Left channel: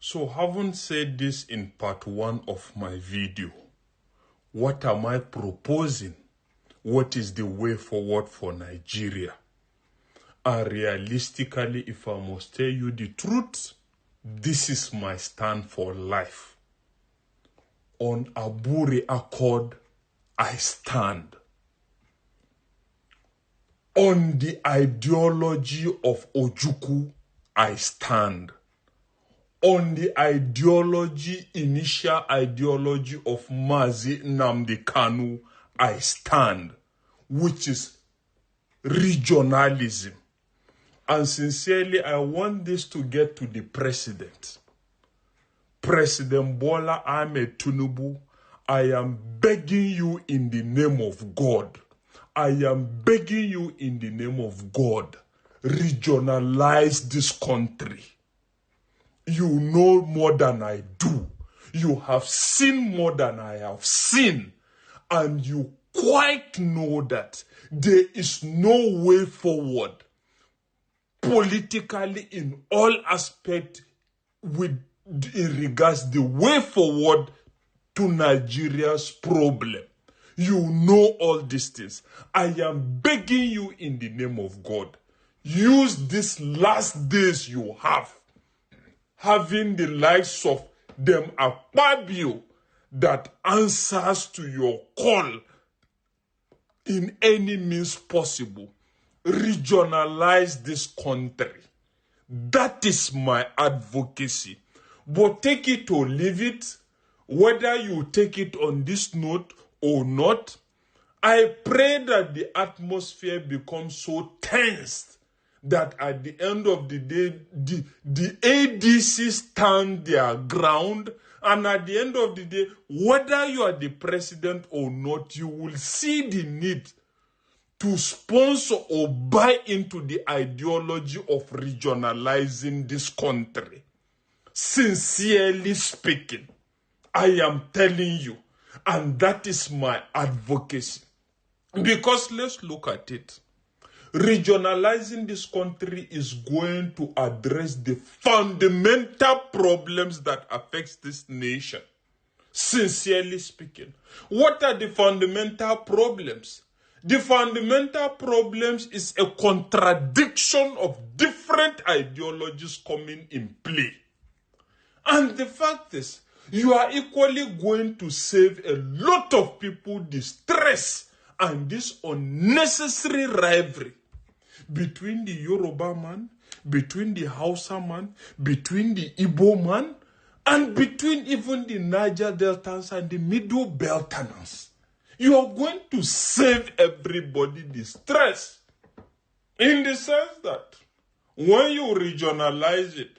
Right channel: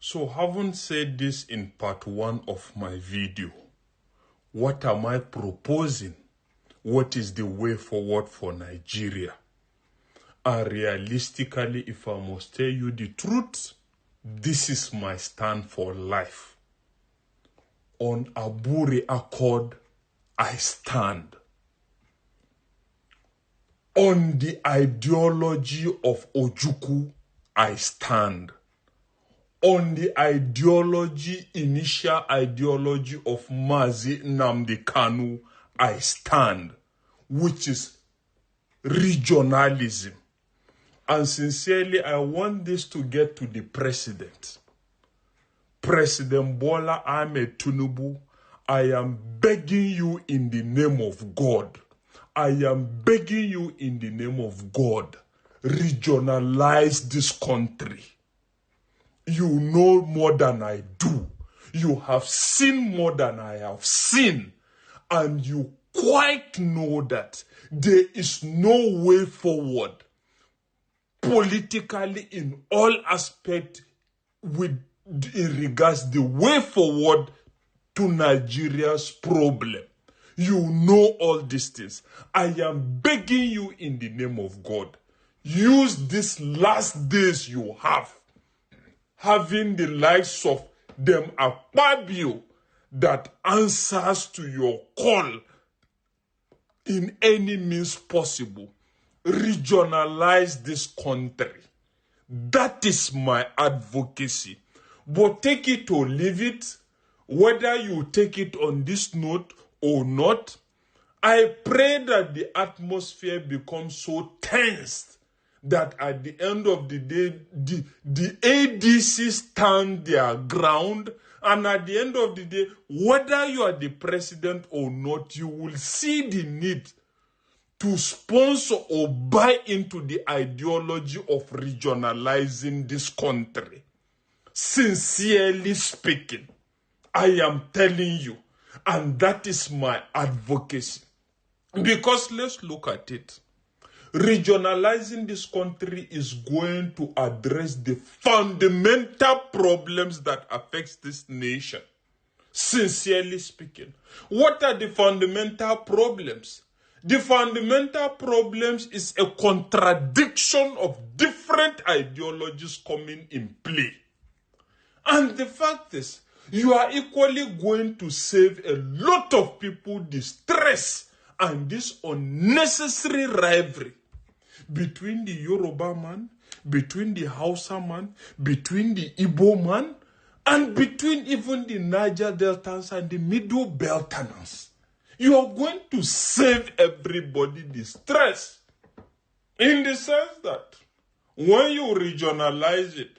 So having said this in part 1 of my video, what am I proposing? What is the way forward for Nigeria? And realistically, if I must tell you the truth, this is my stand for life. On Aburi Accord, I stand. On the ideology of Ojukwu, I stand. On the initial ideology of Mazi Nnamdi Kanu, I stand, which is regionalism. And sincerely, I want this to get to the president. President Bola Ahmed Tinubu, I am begging you in the name of God. I am begging you in the name of God. Regionalize this country. You know more than I do. You have seen more than I have seen. And you quite know that there is no way forward politically in all aspects in regards the way forward to Nigeria's problem. You know all these things. I am begging you in the name of God. Use these last days you have, having the likes of them Akpabio that answers to your call in any means possible. Regionalize this country. That is my advocacy. But take it or leave it, whether you take it on this note or not. I pray that the atmosphere becomes so tense that at the end of the day, the ADC stand their ground, and at the end of the day, whether you are the president or not, you will see the need to sponsor or buy into the ideology of regionalizing this country. Sincerely speaking, I am telling you, and that is my advocacy. Because let's look at it. Regionalizing this country is going to address the fundamental problems that affect this nation. Sincerely speaking, what are the fundamental problems? The fundamental problems is a contradiction of different ideologies coming in play. And the fact is, you are equally going to save a lot of people the stress and this unnecessary rivalry between the Yoruba man, between the Hausa man, between the Igbo man, and between even the Niger Deltans and the Middle Belterners. You are going to save everybody the stress, in the sense that when you regionalize it,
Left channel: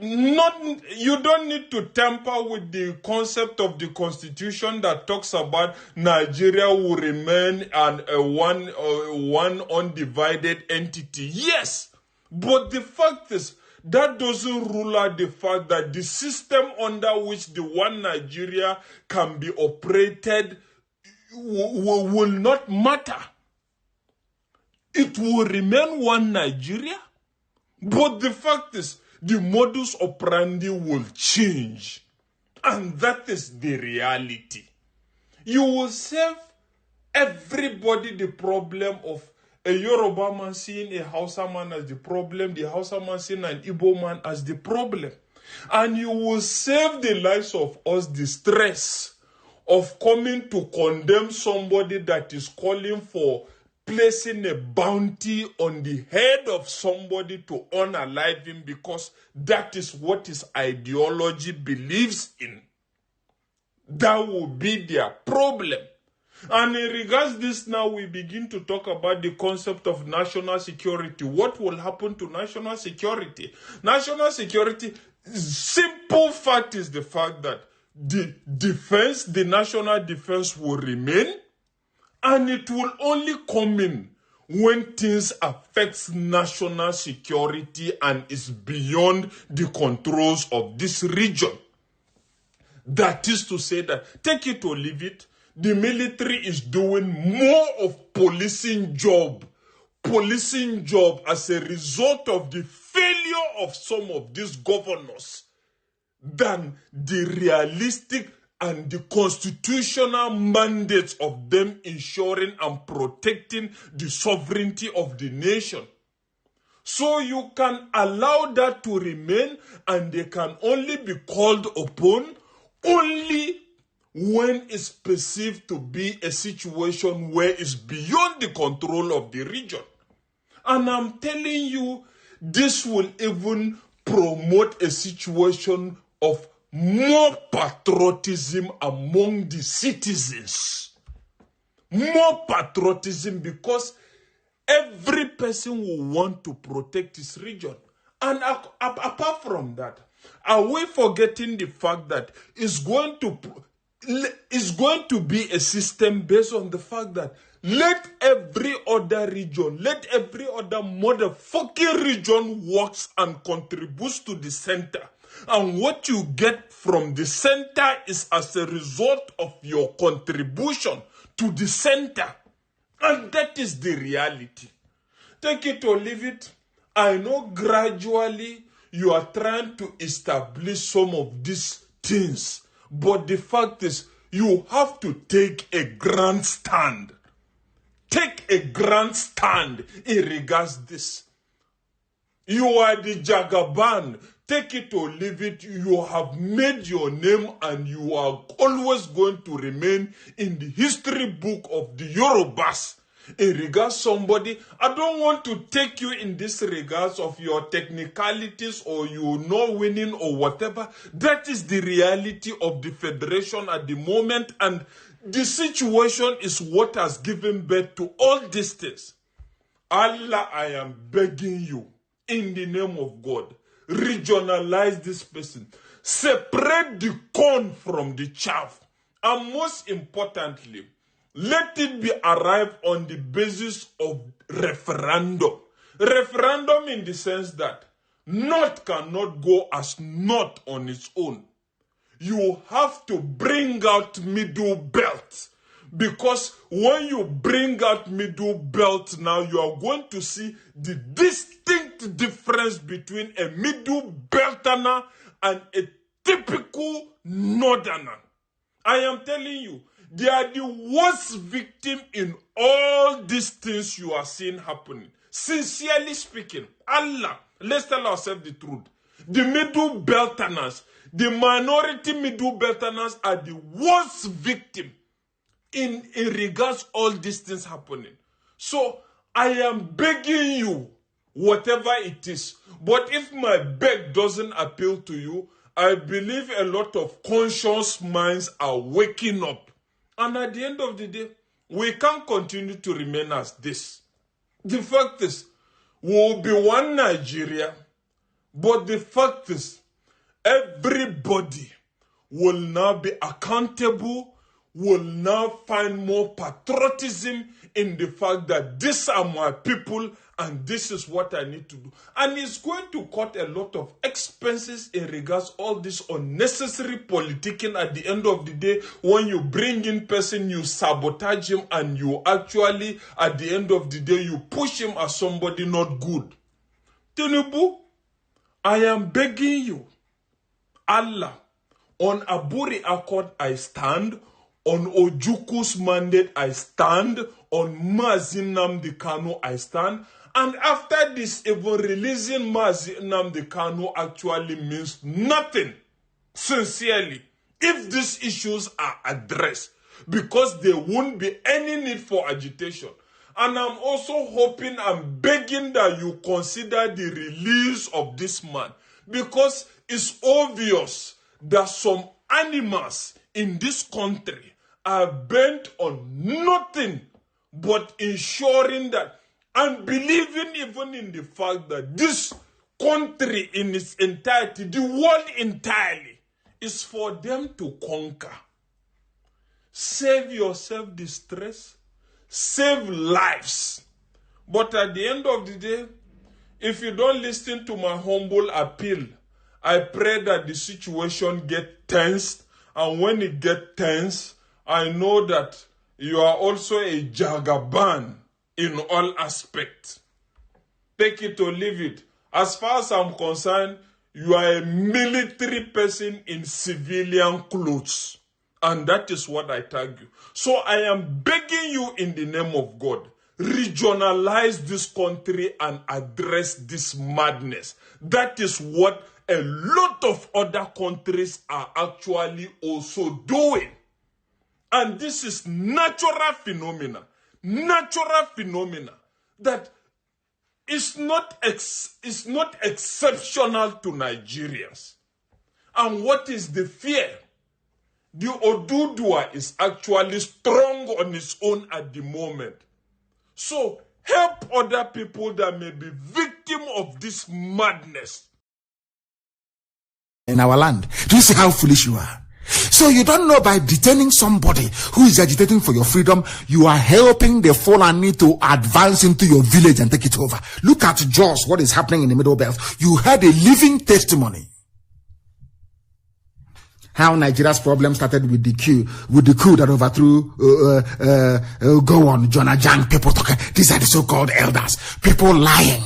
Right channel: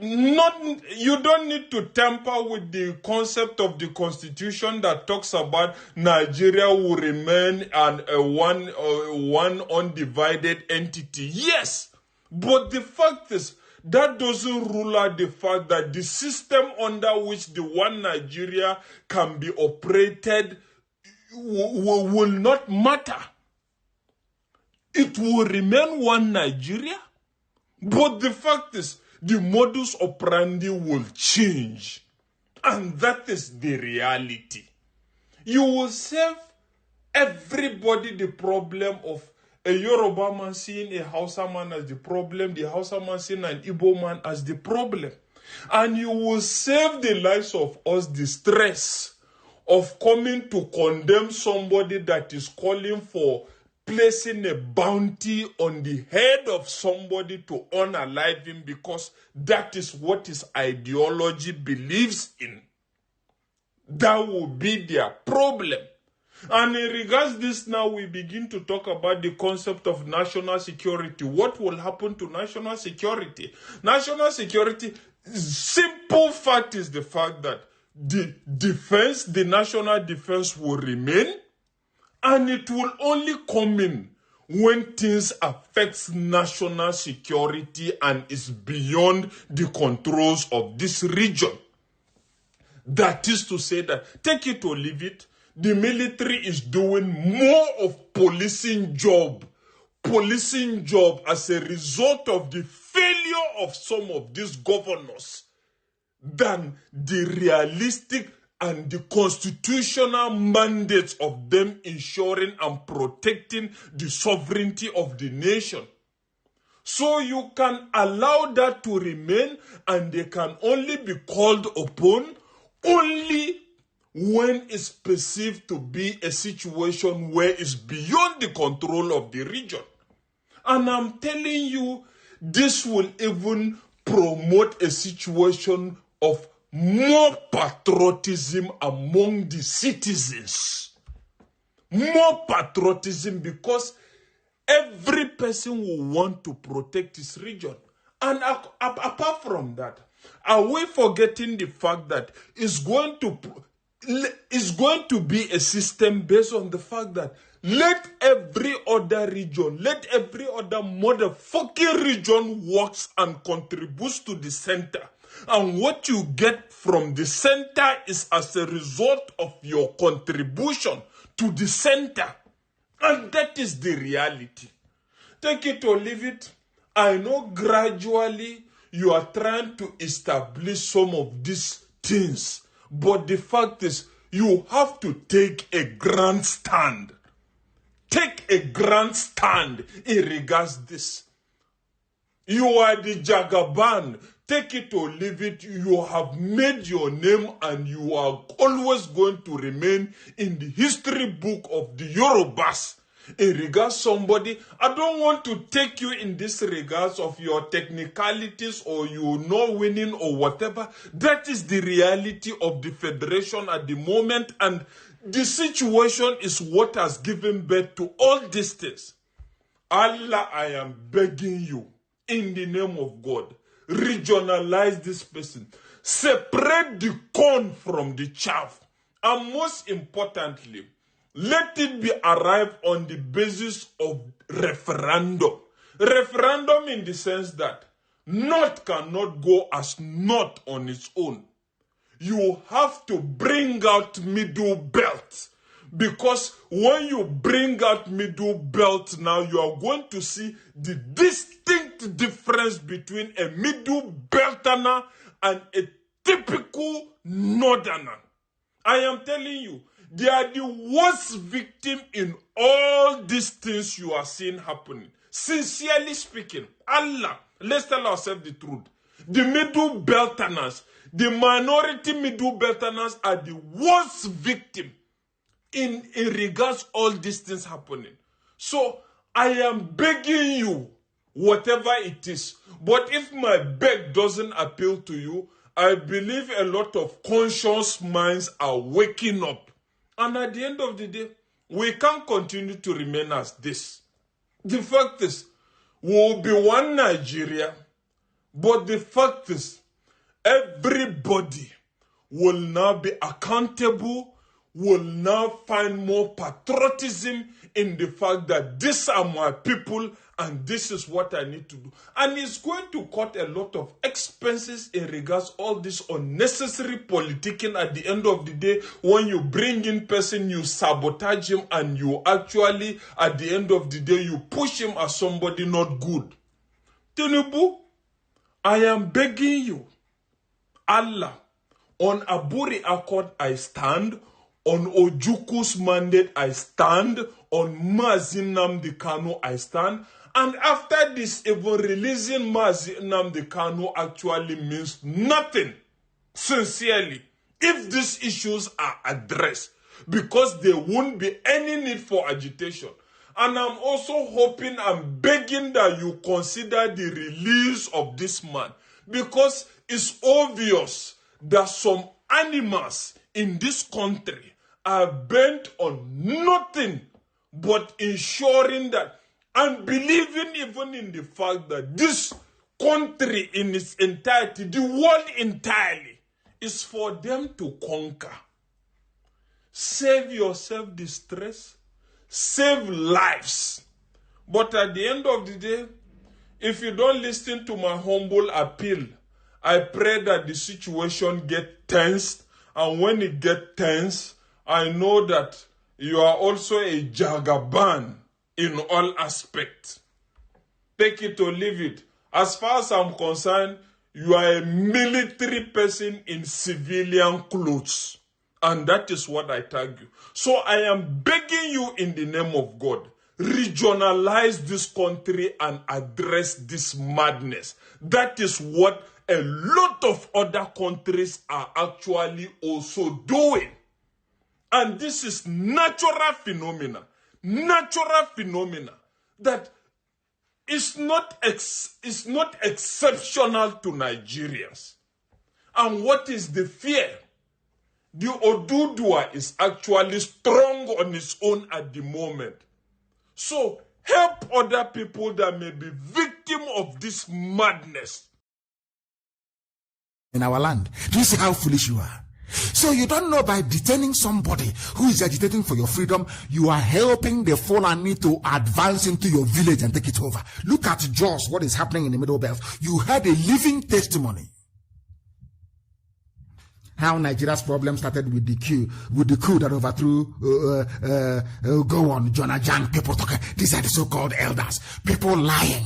you don't need to tamper with the concept of the constitution that talks about Nigeria will remain one undivided entity. Yes, but the fact is that doesn't rule out the fact that the system under which the one Nigeria can be operated will not matter. It will remain one Nigeria, but the fact is the modus operandi will change. And that is the reality. You will save everybody the problem of a Yoruba man seeing a Hausa man as the problem, the Hausa man seeing an Igbo man as the problem. And you will save the lives of us the stress of coming to condemn somebody that is calling for placing a bounty on the head of somebody to unalive him because that is what his ideology believes in. That will be their problem. And in regards to this, now we begin to talk about the concept of national security. What will happen to national security? National security, simple fact is the fact that the national defense will remain, and it will only come in when things affect national security and is beyond the controls of this region. That is to say that, take it or leave it, the military is doing more of policing job as a result of the failure of some of these governors than the realistic and the constitutional mandates of them ensuring and protecting the sovereignty of the nation. So you can allow that to remain, and they can only be called upon only when it's perceived to be a situation where it's beyond the control of the region. And I'm telling you, this will even promote a situation of more patriotism among the citizens. More patriotism, because every person will want to protect his region. And apart from that, are we forgetting the fact that it's going to be a system based on the fact that let every other region, let every other motherfucking region works and contributes to the center. And what you get from the center is as a result of your contribution to the center. And that is the reality. Take it or leave it. I know gradually you are trying to establish some of these things. But the fact is, you have to take a grand stand. Take a grand stand in regards to this. You are the Jagaban. Take it or leave it. You have made your name and you are always going to remain in the history book of the Yorubas. In regards somebody, I don't want to take you in this regards of your technicalities or you not winning or whatever. That is the reality of the federation at the moment, and the situation is what has given birth to all these things. Allah, I am begging you, in the name of God, regionalize this person. Separate the corn from the chaff. And most importantly, let it be arrived on the basis of referendum. Referendum in the sense that North cannot go as North on its own. You have to bring out middle belt. Because when you bring out middle belt now, you are going to see the distinct difference between a middle belterner and a typical northerner. I am telling you, they are the worst victim in all these things you are seeing happening. Sincerely speaking, Allah, let's tell ourselves the truth. The middle belterners, the minority middle belterners are the worst victim in regards all these things happening. So I am begging you, whatever it is. But if my beg doesn't appeal to you, I believe a lot of conscious minds are waking up. And at the end of the day, we can't continue to remain as this. The fact is, we'll be one Nigeria, but the fact is, everybody will now be accountable, will now find more patriotism in the fact that these are my people and this is what I need to do. And it's going to cut a lot of expenses in regards all this unnecessary politicking. At the end of the day, when you bring in person, you sabotage him and you actually, at the end of the day, you push him as somebody not good. Tinubu, I am begging you, Allah, on Aburi Accord I stand, on Ojuku's mandate I stand, on Mazi Nnamdi Kanu I stand, and after this, even releasing Mazi Nnamdi Kanu actually means nothing, sincerely, if these issues are addressed, because there won't be any need for agitation. And I'm also hoping and begging that you consider the release of this man, because it's obvious that some animals in this country are bent on nothing but ensuring that, and believing even in the fact that this country in its entirety, the world entirely, is for them to conquer. Save yourself the stress, save lives. But at the end of the day, if you don't listen to my humble appeal, I pray that the situation get tensed, and when it get tense, I know that you are also a Jagaban in all aspects. Take it or leave it. As far as I'm concerned, You are a military person in civilian clothes. And that is what I tag you. So I am begging you in the name of God, regionalize this country and address this madness. That is what a lot of other countries are actually also doing. And this is natural phenomena that is not exceptional to Nigerians. And what is the fear? The Odudua is actually strong on its own at the moment. So help other people that may be victim of this madness. In our land, do you see how foolish you are? So you don't know, by detaining somebody who is agitating for your freedom, you are helping the Fulani to advance into your village and take it over. Look at Jos, what is happening in the Middle Belt. You had a living testimony. How Nigeria's problem started with the coup that overthrew Jonah Jan, people talking. These are the so-called elders, people lying.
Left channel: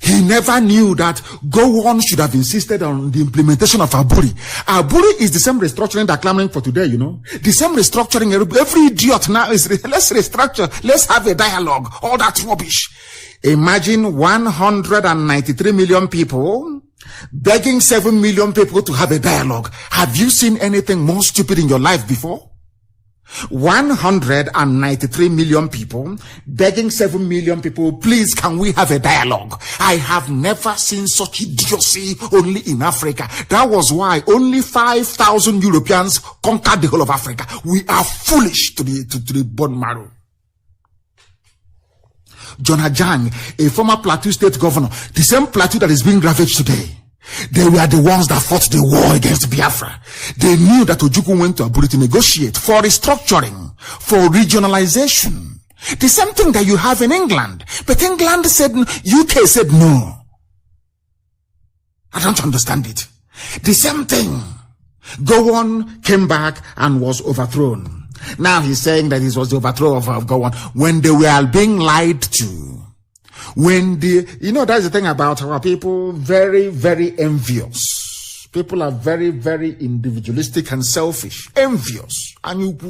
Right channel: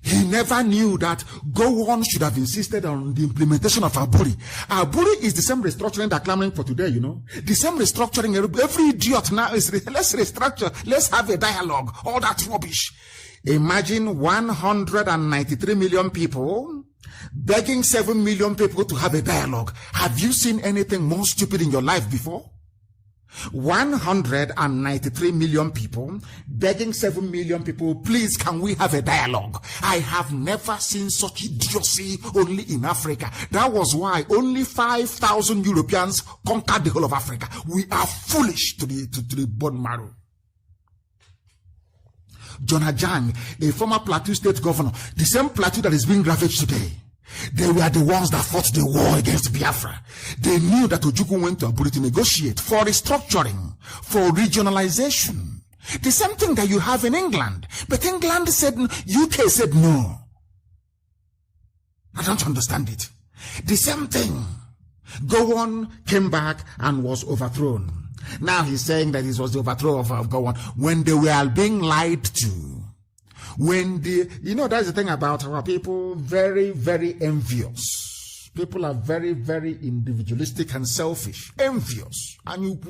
He never knew that Gowon should have insisted on the implementation of Aburi. Aburi is the same restructuring that clamoring for today, you know. The same restructuring. Every idiot now is, let's restructure, let's have a dialogue. All that rubbish. Imagine 193 million people begging 7 million people to have a dialogue. Have you seen anything more stupid in your life before? 193 million people begging 7 million people, please, can we have a dialogue? I have never seen such idiocy only in Africa. That was why only 5,000 Europeans conquered the whole of Africa. We are foolish to the bone marrow. Jonah Jang, a former Plateau State governor, the same Plateau that is being ravaged today, they were the ones that fought the war against Biafra. They knew that Ojukwu went to Aburi to negotiate for restructuring, for regionalization. The same thing that you have in England. But England said, UK said no. I don't understand it. The same thing. Gowon came back and was overthrown. Now he's saying that it was the overthrow of Gowon when they were being lied to. When that's the thing about our people, very, very envious. People are very, very individualistic and selfish. Envious. And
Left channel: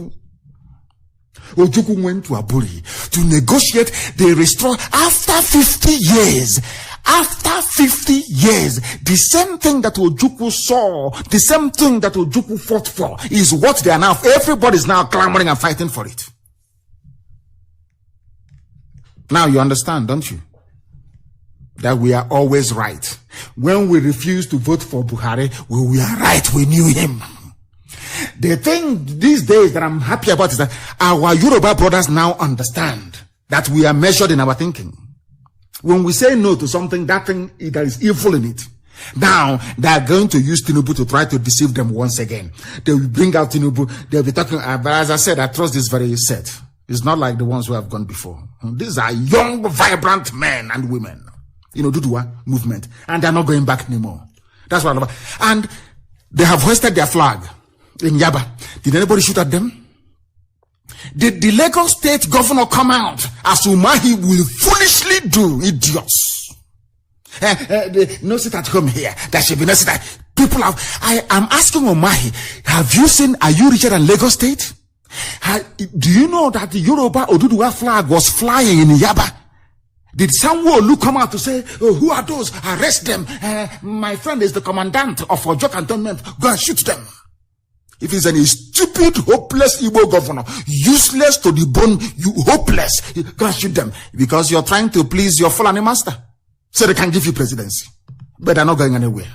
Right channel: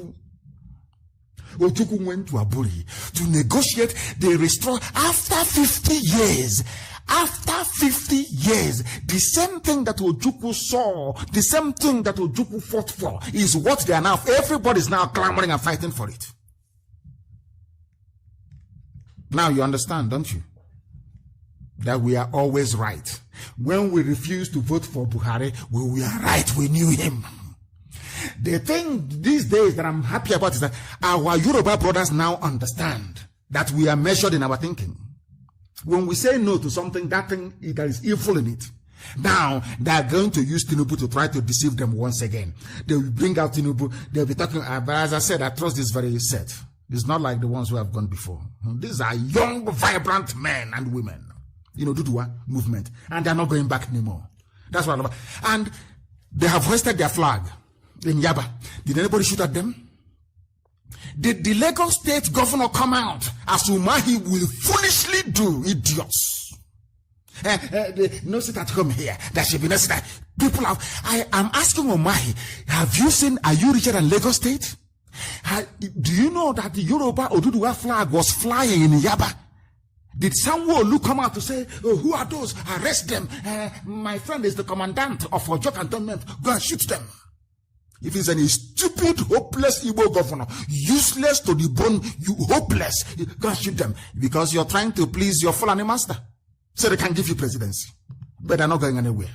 Ojukwu went to Aburi to negotiate the restore after 50 years. After 50 years, the same thing that Ojukwu saw, the same thing that Ojukwu fought for is what they are now. Everybody's now clamoring and fighting for it. Now you understand, don't you? That we are always right. When we refuse to vote for Buhari, we are right. We knew him. The thing these days that I'm happy about is that our Yoruba brothers now understand that we are measured in our thinking. When we say no to something, that thing, there is evil in it. Now, they are going to use Tinubu to try to deceive them once again. They will bring out Tinubu. They'll be talking, but as I said, I trust this very set. It's not like the ones who have gone before. These are young, vibrant men and women. Dudua movement. And they're not going back anymore. That's what I'm about. And they have hoisted their flag in Yaba. Did anybody shoot at them? Did the Lagos State governor come out as Umahi will foolishly do, idiots? No sit at home here. There should be no sit at people have. I am asking Umahi, are you richer than Lagos State? Do you know that the Yoruba Oduduwa flag was flying in Yaba? Did Sanwo-Olu come out to say, oh, who are those? Arrest them. My friend is the commandant of Ojo Cantonment. Go and shoot them. If he's any stupid, hopeless Igbo governor, useless to the bone, you hopeless, go and shoot them. Because you're trying to please your Fulani master. So they can give you presidency. But they're not going anywhere.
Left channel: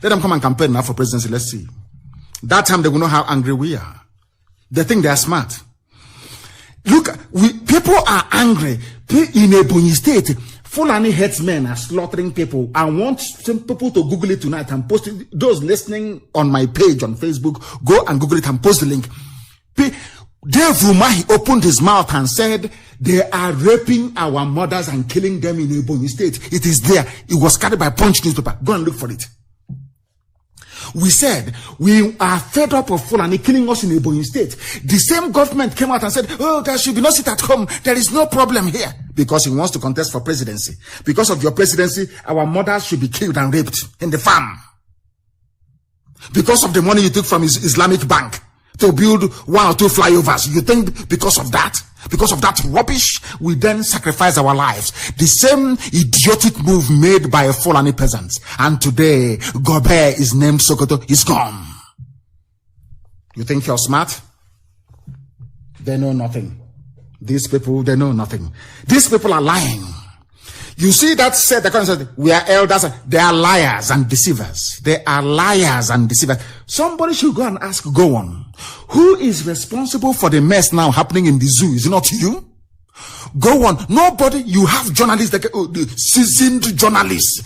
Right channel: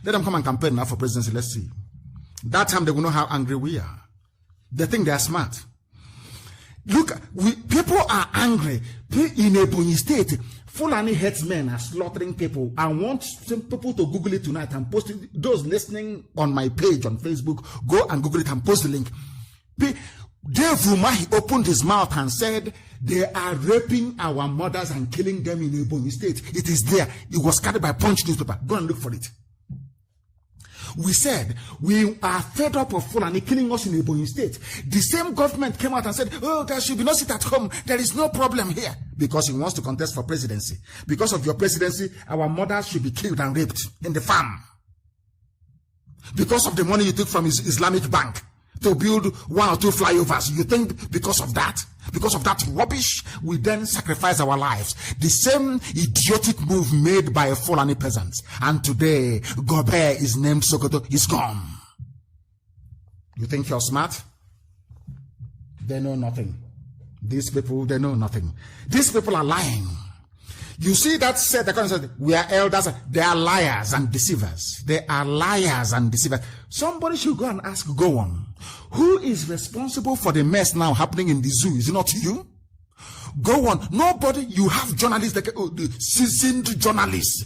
Let them come and campaign now for presidency. Let's see. That time they will know how angry we are. They think they are smart. Look, people are angry. In Ebonyi State, Fulani headsmen are slaughtering people. I want some people to Google it tonight and post it. Those listening on my page on Facebook, go and Google it and post the link. Dave Umahi opened his mouth and said, they are raping our mothers and killing them in Ebonyi State. It is there. It was carried by Punch newspaper. Go and look for it. We said, we are fed up of Fulani killing us in Ebonyi State. The same government came out and said, oh, there should be no sit at home. There is no problem here. because he wants to contest for presidency. Because of your presidency, our mothers should be killed and raped in the farm. Because of the money you took from his Islamic bank to build 1 or 2 flyovers, you think because of that rubbish, we then sacrifice our lives. The same idiotic move made by Fulani peasants. And today, Gobe is named Sokoto, is gone. You think you're smart? They know nothing. These people, they know nothing. These people are lying. You see that said, the said, we are elders. They are liars and deceivers. They are liars and deceivers. Somebody should go and ask, go on. Who is responsible for the mess now happening in the zoo? Is it not you? Go on. Nobody. You have journalists, seasoned journalists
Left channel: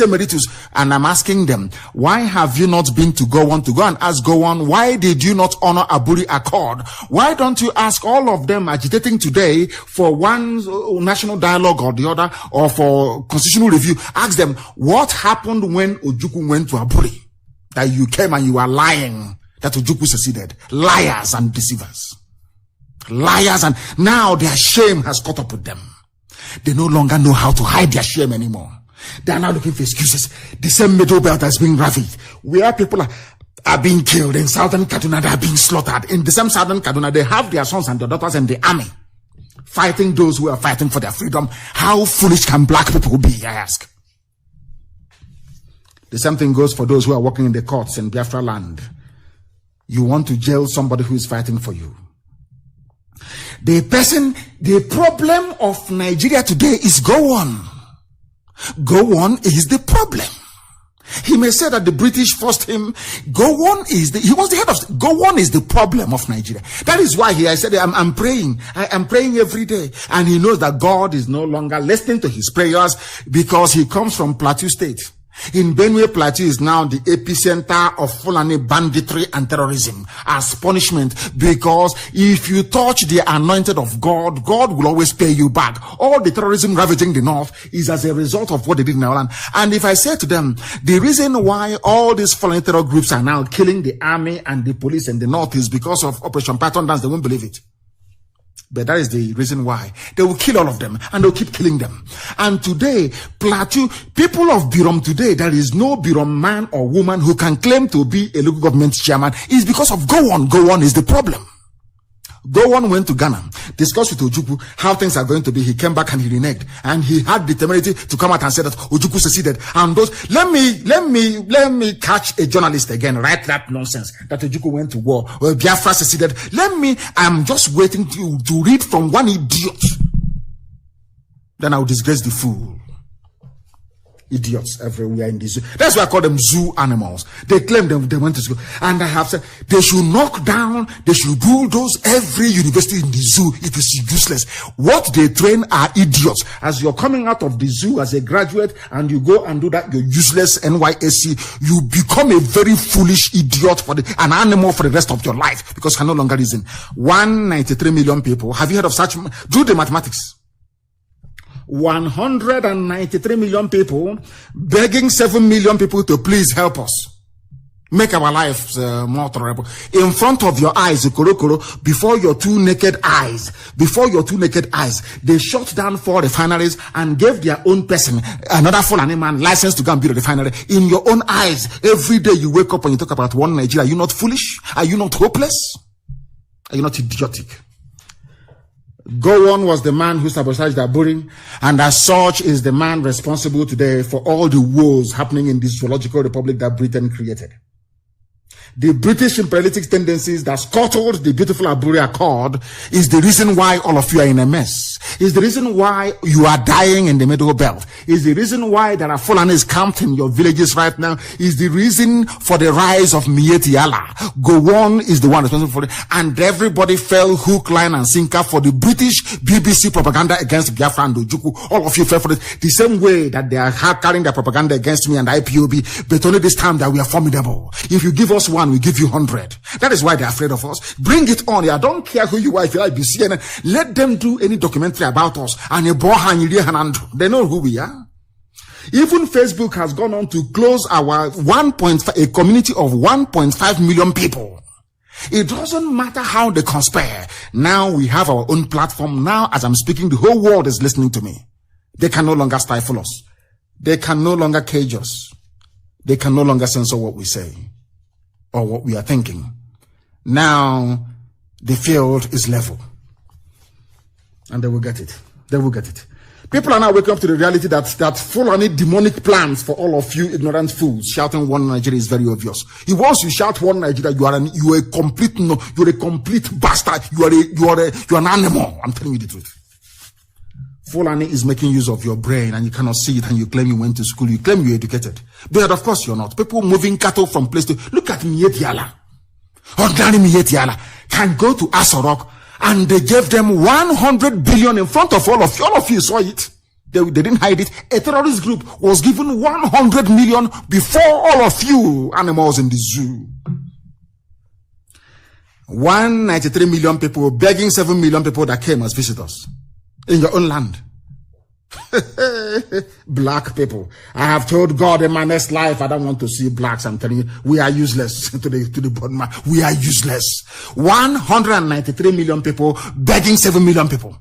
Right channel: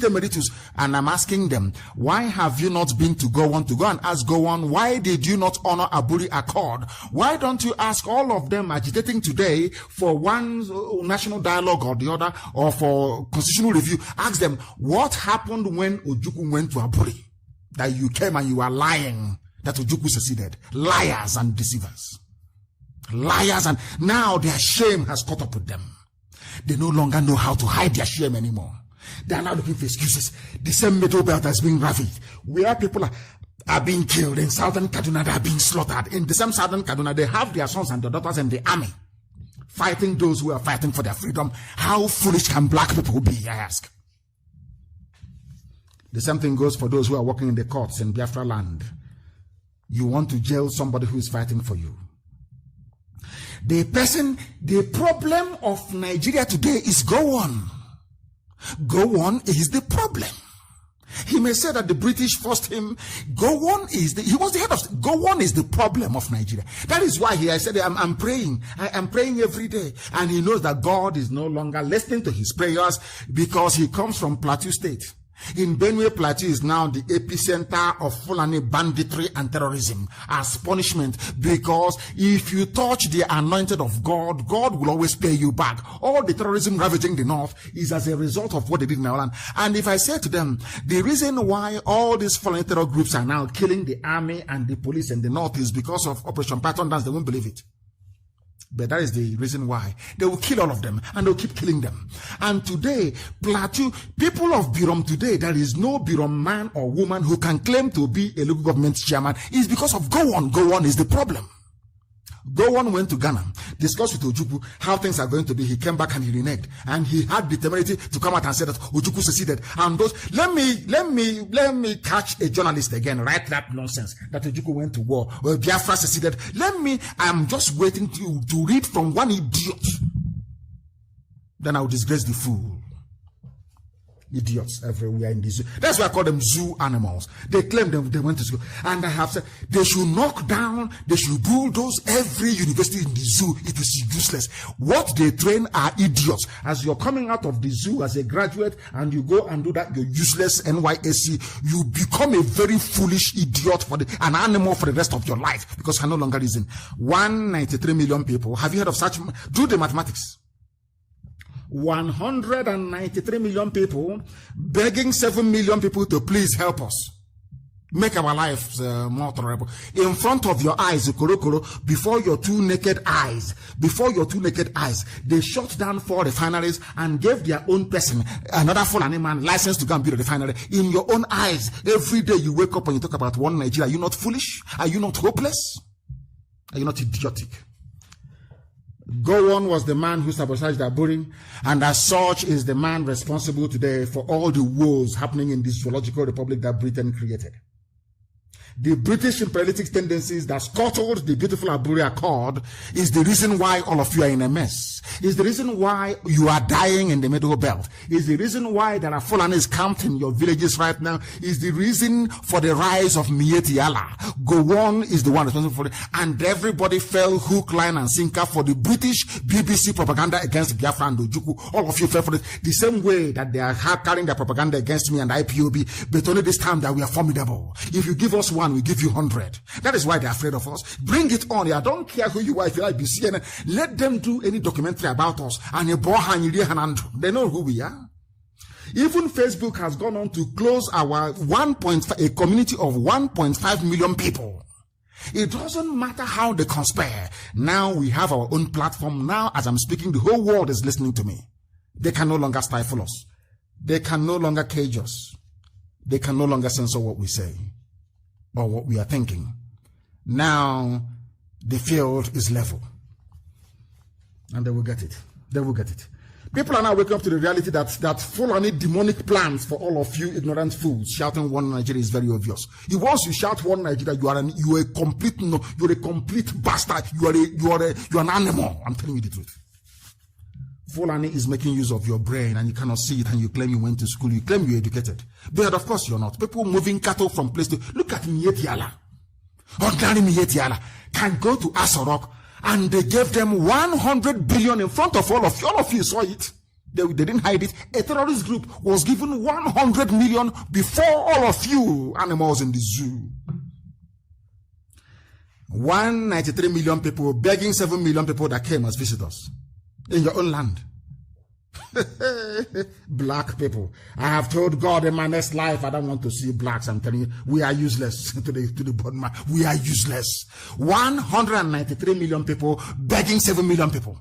emeritus. And I'm asking them, why have you not been to go and ask go on? Why did you not honor Aburi Accord? Why don't you ask all of them agitating today for one national dialogue or the other, or for constitutional review? Ask them, what happened when Ojukwu went to Aburi? That you came and you are lying that Ojukwu seceded. Liars and deceivers. Liars, and now their shame has caught up with them. They no longer know how to hide their shame anymore. They are now looking for excuses. The same middle belt has been ravaged, where people are being killed. In southern Kaduna, they are being slaughtered. In the same southern Kaduna, they have their sons and their daughters in the army, fighting those who are fighting for their freedom. How foolish can black people be, I ask? The same thing goes for those who are working in the courts in Biafra land. You want to jail somebody who is fighting for you. The problem of Nigeria today is go on. Go on is the problem. He may say that the British forced him. Go on he was the head of, go on is the problem of Nigeria. That is why I said, I'm praying. I am praying every day. And he knows that God is no longer listening to his prayers because he comes from Plateau State. In Benue, Plateau is now the epicenter of Fulani banditry and terrorism as punishment, because if you touch the anointed of God, God will always pay you back. All the terrorism ravaging the north is as a result of what they did in our land. And if I say to them, the reason why all these Fulani terror groups are now killing the army and the police in the north is because of Operation Python Dance, they won't believe it. But that is the reason why. They will kill all of them, and they'll keep killing them. And today, Plateau, people of Birom today, there is no Birom man or woman who can claim to be a local government chairman. It's because of go on. Go on is the problem. Go on went to Ghana, discussed with Ojukwu how things are going to be. He came back and he reneged, and he had the temerity to come out and say that Ojukwu seceded. And those, let me catch a journalist again, write that nonsense that Ojukwu went to war, or Biafra seceded. I'm just waiting to read from one idiot. Then I'll disgrace the fool. Idiots everywhere in the zoo. That's why I call them zoo animals. They claim they went to school. And I have said they should knock down, they should bulldoze every university in the zoo. It is useless. What they train are idiots. As you're coming out of the zoo as a graduate and you go and do that, you're useless NYSC, you become a very foolish idiot, an animal for the rest of your life, because you can no longer reason. 193 million people. Have you heard of such? Do the mathematics. 193 million people begging 7 million people to please help us make our lives more tolerable. In front of your eyes, before your two naked eyes, they shut down 4 refineries and gave their own person, another Fulani man, license to go and build a refinery. In your own eyes, every day you wake up and you talk about one Nigeria. Are you not foolish? Are you not hopeless? Are you not idiotic? Go on was the man who sabotaged Aburi, and as such is the man responsible today for all the woes happening in this zoological republic that Britain created. The British imperialistic tendencies that scuttled the beautiful Aburi Accord is the reason why all of you are in a mess. Is the reason why you are dying in the Middle Belt. Is the reason why there are Fulanis camped in your villages right now. Is the reason for the rise of Mieti Allah. Gowon is the one responsible for it. And everybody fell hook, line, and sinker for the British BBC propaganda against Biafra and Ojukwu. All of you fell for it. The same way that they are carrying their propaganda against me and IPOB. But only this time that we are formidable. If you give us one, we give you 100. That is why they are afraid of us. Bring it on. I don't care who you are. If you like CNN, let them do any documentary about us. And they know who we are. Even Facebook has gone on to close our a community of 1.5 million people. It doesn't matter how they conspire. Now we have our own platform. Now, as I'm speaking, the whole world is listening to me. They can no longer stifle us. They can no longer cage us. They can no longer censor what we say or what we are thinking. Now, the field is level. And they will get it. They will get it. People are now waking up to the reality that Fulani demonic plans for all of you ignorant fools shouting one Nigeria is very obvious. Once you shout one Nigeria, you are a complete bastard. You are an animal. I'm telling you the truth. Fulani is making use of your brain and you cannot see it, and you claim you went to school. You claim you're educated. But of course you're not. People moving cattle from place to... Look at Mietiala. Ordinary Mietiala can go to Asorok, and they gave them 100 billion in front of all of you. All of you saw it. They didn't hide it. A terrorist group was given 100 million before all of you animals in the zoo. 193 million people begging 7 million people that came as visitors in your own land. Black people. I have told God in my next life I don't want to see blacks. I'm telling you, we are useless to the bottom line. We are useless. 193 million people begging 7 million people.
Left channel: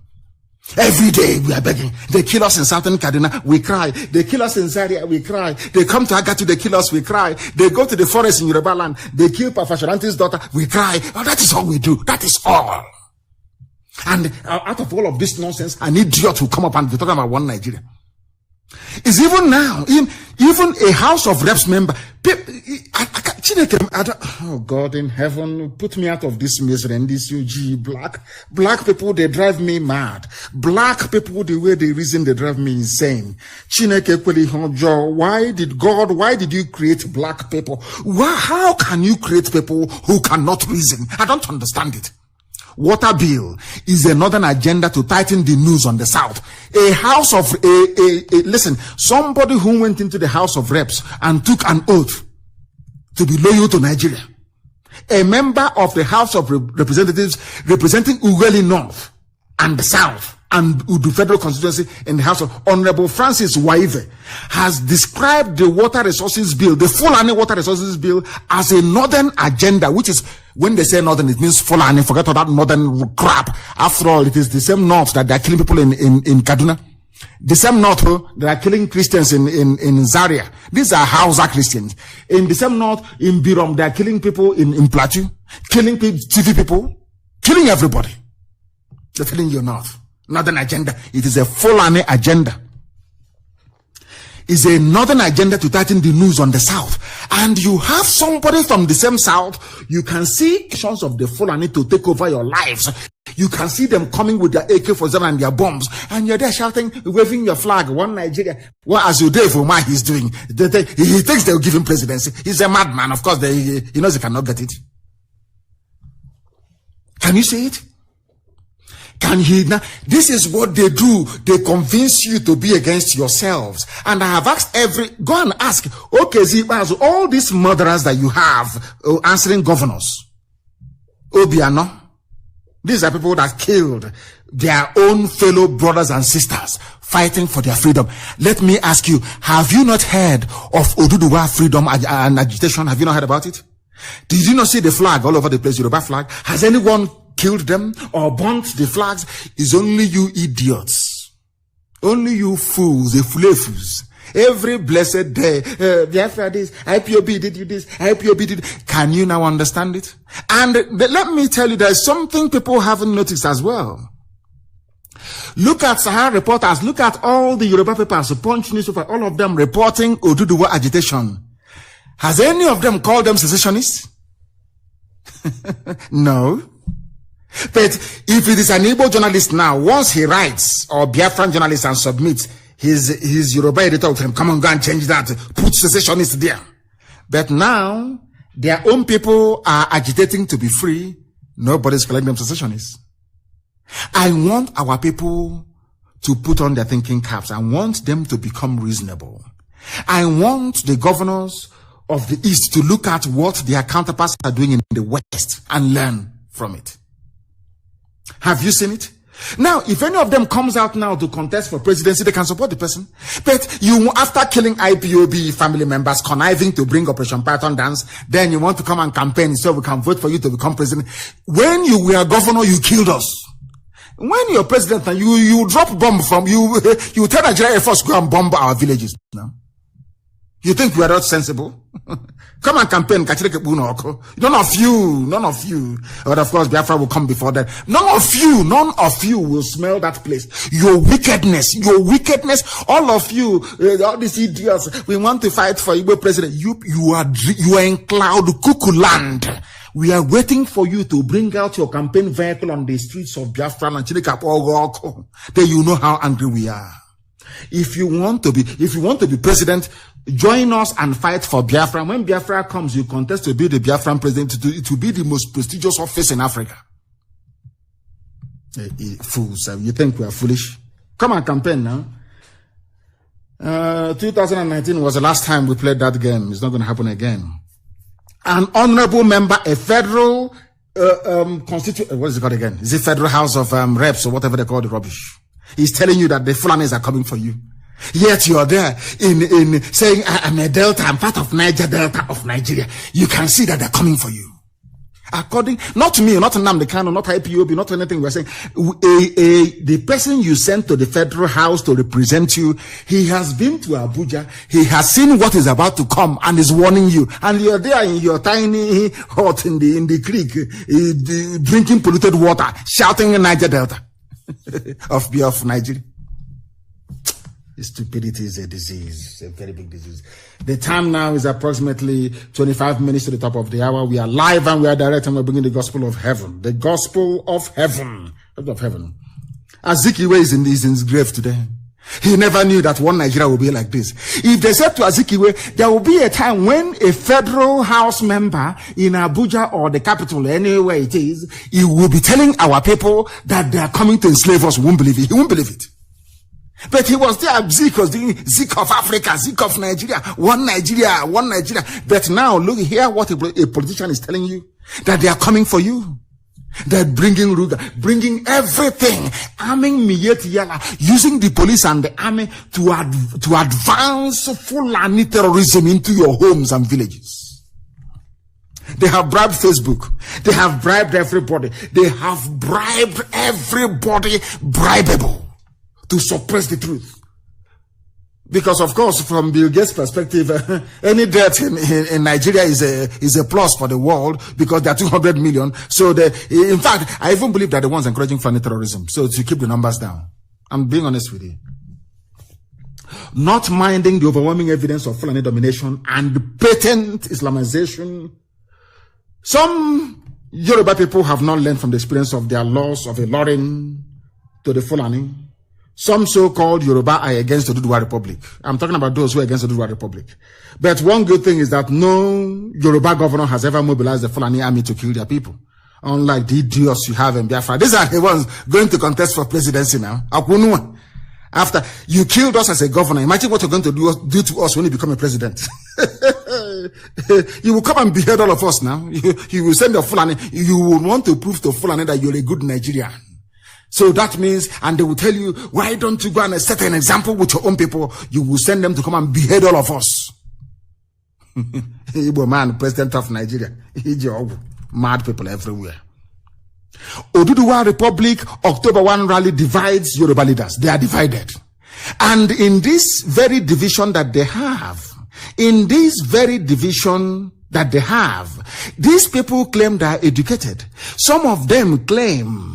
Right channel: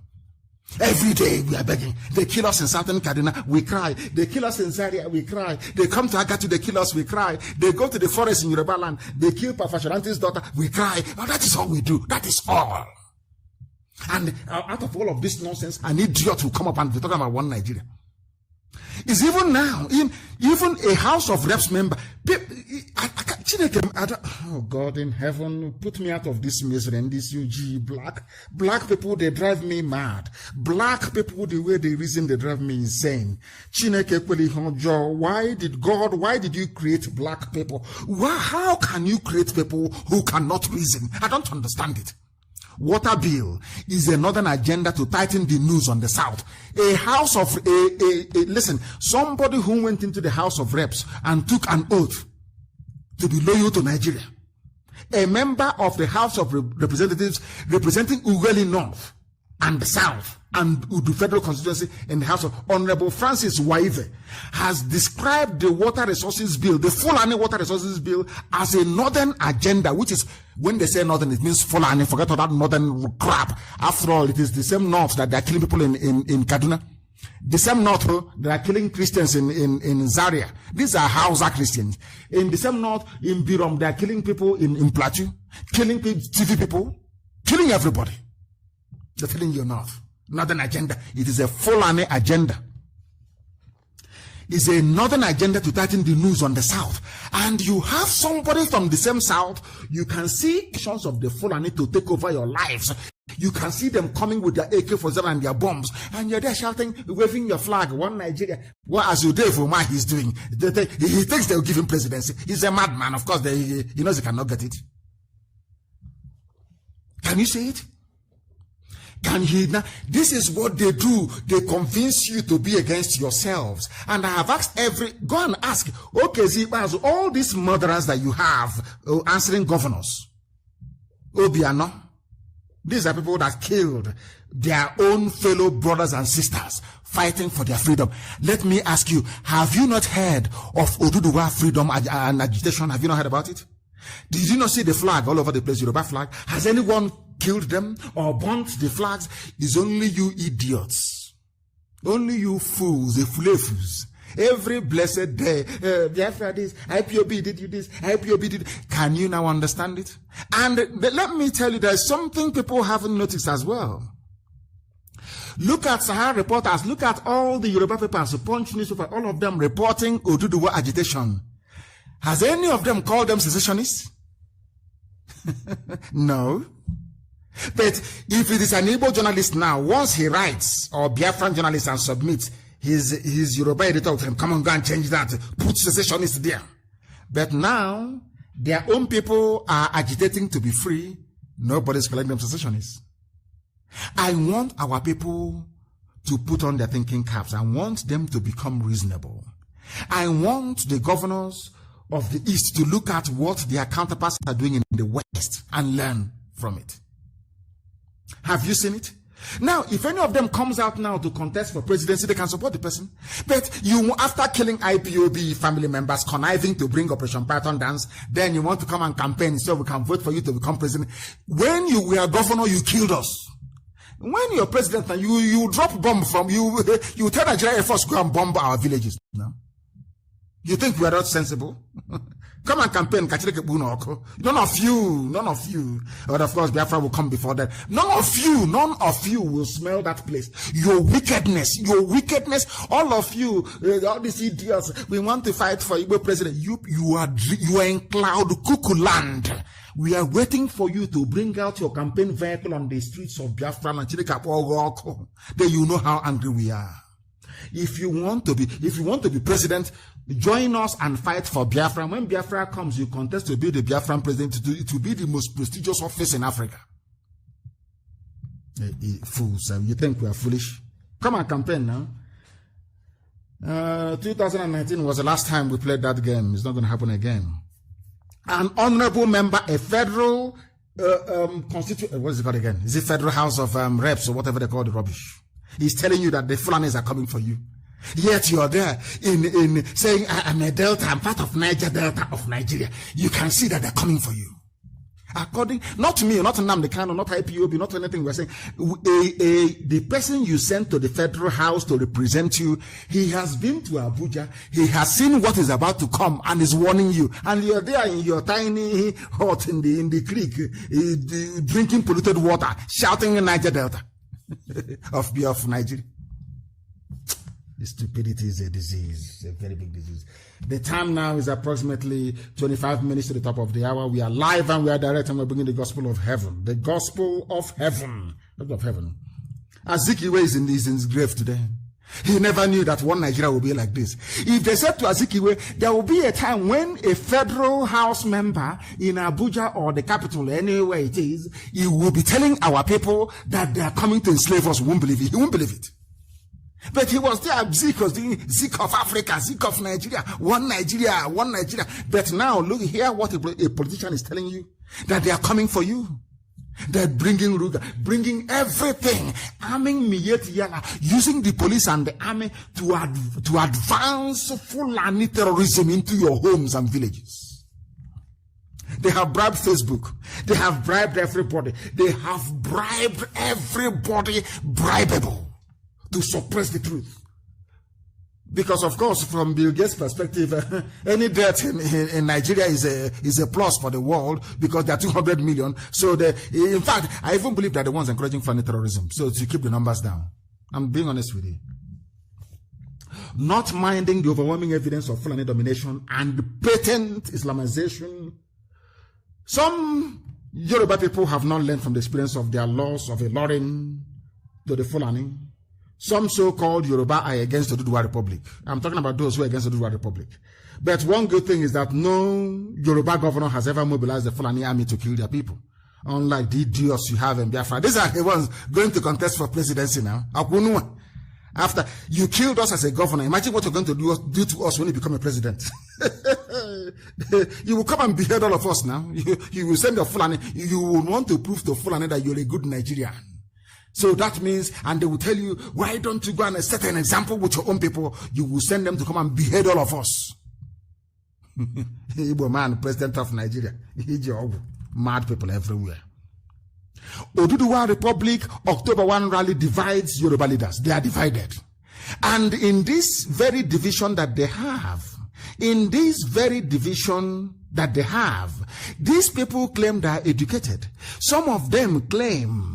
Every day we are begging. They kill us in Southern Kaduna, we cry. They kill us in Zaria, we cry. They come to Agatu, they kill us, we cry. They go to the forest in Yoruba land, they kill Pafasharanti's daughter, we cry. Oh, that is all we do. That is all. And out of all of this nonsense, an idiot will come up and be talking about one Nigeria. It's even now, even a House of Reps member. Oh God in heaven, put me out of this misery and this UG. Black people, they drive me mad. Black people, the way they reason, they drive me insane. Why did you create black people? How can you create people who cannot reason? I don't understand it. Water bill is a northern agenda to tighten the noose on the south. Listen, somebody who went into the House of Reps and took an oath to be loyal to Nigeria. A member of the House of Representatives representing Ughelli North and the South and the federal constituency in the House of Honorable Francis Waive has described the water resources bill, the Fulani water resources bill, as a northern agenda, which is, when they say northern, it means Fulani. Forget all that northern crap. After all, it is the same north that they are killing people in Kaduna. The same north that are killing Christians in Zaria. These are Hausa Christians. In the same north, in Birom, they are killing people in Plateau, killing TV people, killing everybody. They're killing your north. Northern agenda. It is a Fulani agenda. It's a northern agenda to tighten the noose on the south. And you have somebody from the same south, you can see actions of the Fulani to take over your lives. You can see them coming with their AK-47 and their bombs, and you're there shouting, waving your flag, one Nigeria. Well, as Udai Umar is doing, he thinks they'll give him presidency. He's a madman. Of course, he knows he cannot get it. Can you see it? Can he now? This is what they do. They convince you to be against yourselves. And I have asked go and ask, okay, Zibazo, all these murderers that you have answering governors, Obiano, these are people that killed their own fellow brothers and sisters fighting for their freedom. Let me ask you, have you not heard of Oduduwa freedom and agitation? Have you not heard about it? Did you not see the flag all over the place, Yoruba flag? Has anyone killed them or burnt the flags? Is only you idiots, only you fools, the fools. Every blessed day, after this, IPOB did you this, IPOB did. Can you now understand it? And let me tell you, there's something people haven't noticed as well. Look at Sahara reporters, look at all the Yoruba papers, Punch newspaper, all of them reporting Oduduwa agitation. Has any of them called them secessionists? No. But if it is an Igbo journalist now, once he writes, or Biafran journalist and submits his Yoruba editor of him, come on, go and change that, put secessionists there. But now, their own people are agitating to be free. Nobody's calling them secessionists. I want our people to put on their thinking caps. I want them to become reasonable. I want the governors of the East to look at what their counterparts are doing in the West and learn from it. Have you seen it? Now, if any of them comes out now to contest for presidency, they can support the person. But you, after killing IPOB family members, conniving to bring Operation Python dance, then you want to come and campaign so we can vote for you to become president. When you were governor, you killed us. When you're president and you drop bomb from you tell Nigeria Air Force go and bomb our villages. No? You think we are not sensible? Come and campaign, none of you. But of course, Biafra will come before that. None of you will smell that place. Your wickedness, all of you, all these idiots, we want to fight for Igbo president. You are in cloud cuckoo land. We are waiting for you to bring out your campaign vehicle on the streets of Biafra and Chilika. Then you know how angry we are. If you want to be president, join us and fight for Biafra. When Biafra comes, you contest to be the Biafran president. It will be the most prestigious office in Africa. Fools, you think we are foolish? Come on, campaign now. 2019 was the last time we played that game. It's not going to happen again. An honorable member, a federal what is it called again? Is it Federal House of Reps or whatever they call the rubbish? He's telling you that the Fulanis are coming for you. Yet you're there in saying, I'm a Delta, I'm part of Niger Delta of Nigeria. You can see that they're coming for you. According, not me, not Nnamdi Kanu, not IPOB, not anything we're saying. The person you sent to the Federal House to represent you, he has been to Abuja, he has seen what is about to come and is warning you. And you're there in your tiny hut in the creek, drinking polluted water, shouting in Niger Delta of Nigeria. Stupidity is a disease, a very big disease. The time now is approximately 25 minutes to the top of the hour. We are live and we are direct and we're bringing the gospel of heaven. The gospel of heaven. Of heaven. Azikiwe is in his grave today. He never knew that one Nigeria would be like this. If they said to Azikiwe, there will be a time when a federal house member in Abuja or the capital, anywhere it is, he will be telling our people that they are coming to enslave us. He won't believe it. He won't believe it. But he was there, Zeke was doing Zeke of Africa, Zeke of Nigeria, one Nigeria. But now, look, hear what a politician is telling you, that they are coming for you. They're bringing Ruga, bringing everything, arming Miyeti, using the police and the army to advance Fulani terrorism into your homes and villages. They have bribed Facebook. They have bribed everybody. They have bribed everybody bribable to suppress the truth. Because of course, from Bill Gates' perspective, any death in Nigeria is a plus for the world because there are 200 million. So in fact, I even believe that the ones encouraging Fulani terrorism. So to keep the numbers down. I'm being honest with you. Not minding the overwhelming evidence of Fulani domination and patent Islamization. Some Yoruba people have not learned from the experience of their loss of a Lorin to the Fulani. Some so-called Yoruba are against the Oduduwa Republic. I'm talking about those who are against the Oduduwa Republic. But one good thing is that no Yoruba governor has ever mobilized the Fulani army to kill their people. Unlike the idiots you have in Biafra. These are the ones going to contest for presidency now. After you killed us as a governor, imagine what you're going to do to us when you become a president. You will come and behead all of us now. You will send the Fulani. You will want to prove to Fulani that you're a good Nigerian. So that means, and they will tell you, why don't you go and set an example with your own people? You will send them to come and behead all of us. Igbo man, president of Nigeria. Mad people everywhere. Oduduwa Republic, October 1 rally divides Yoruba leaders. They are divided. And in this very division that they have, these people claim they are educated. Some of them claim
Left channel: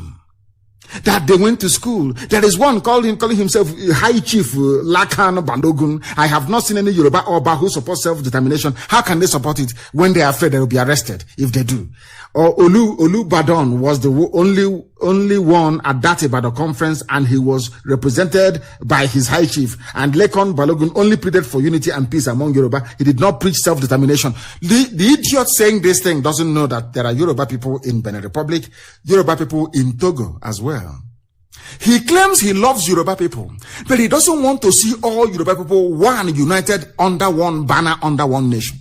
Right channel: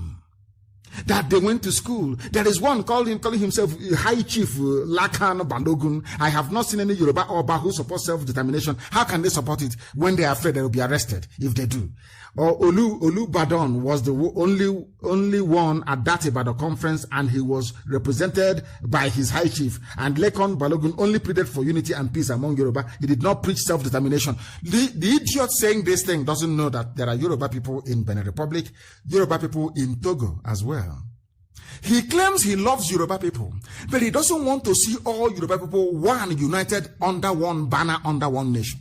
that they went to school. There is one calling himself High Chief Lakan Bandogun. I have not seen any Yoruba Oba who supports self-determination. How can they support it when they are afraid they will be arrested if they do? Or Olu Badon was the only one at that Ibadan conference, and he was represented by his High Chief. And Lekon Balogun only pleaded for unity and peace among Yoruba. He did not preach self-determination. The idiot saying this thing doesn't know that there are Yoruba people in Benin Republic, Yoruba people in Togo as well. He claims he loves Yoruba people, but he doesn't want to see all Yoruba people united under one banner, under one nation.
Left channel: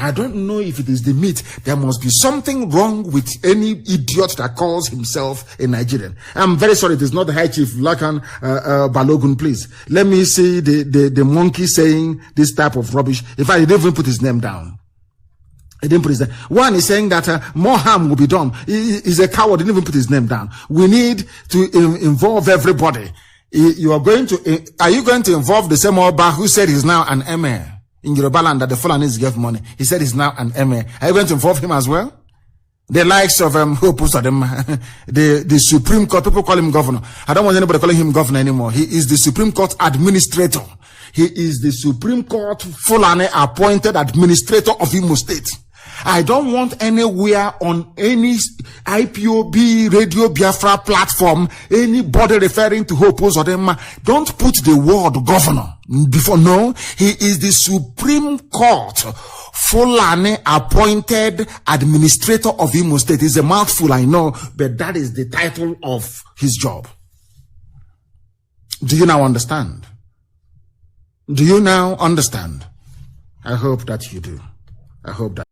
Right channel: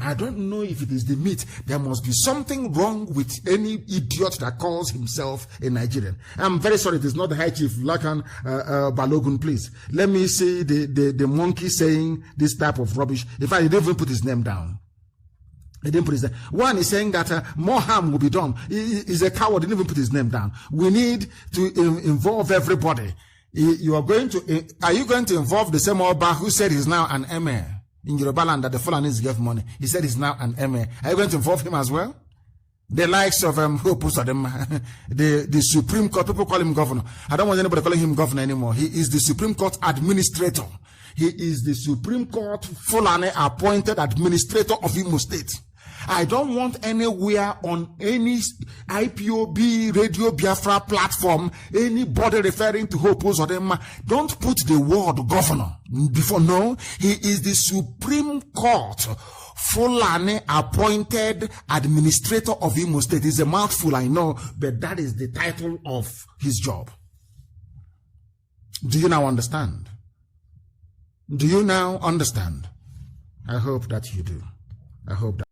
I don't know if it is the meat. There must be something wrong with any idiot that calls himself a Nigerian. I'm very sorry, it is not the High Chief Lakan Balogun, please. Let me see the monkey saying this type of rubbish. In fact, he didn't even put his name down. He didn't put his name. One is saying that more harm will be done. He's a coward. He didn't even put his name down. We need to involve everybody. You are going to, are you going to involve the same Oba who said he's now an emir in Yoruba land that the Fulanis gave money? He said he's now an emir. Are you going to involve him as well? The likes of who posted them, the Supreme Court, people call him governor. I don't want anybody calling him governor anymore. He is the Supreme Court administrator. He is the Supreme Court Fulani appointed administrator of Imo State. I don't want anywhere on any IPOB Radio Biafra platform anybody referring to Hope Uzodinma. Don't put the word governor before. No, he is the Supreme Court Fulani appointed administrator of Imo State. It's a mouthful, I know, but that is the title of his job. Do you now understand? Do you now understand? I hope that you do. I hope that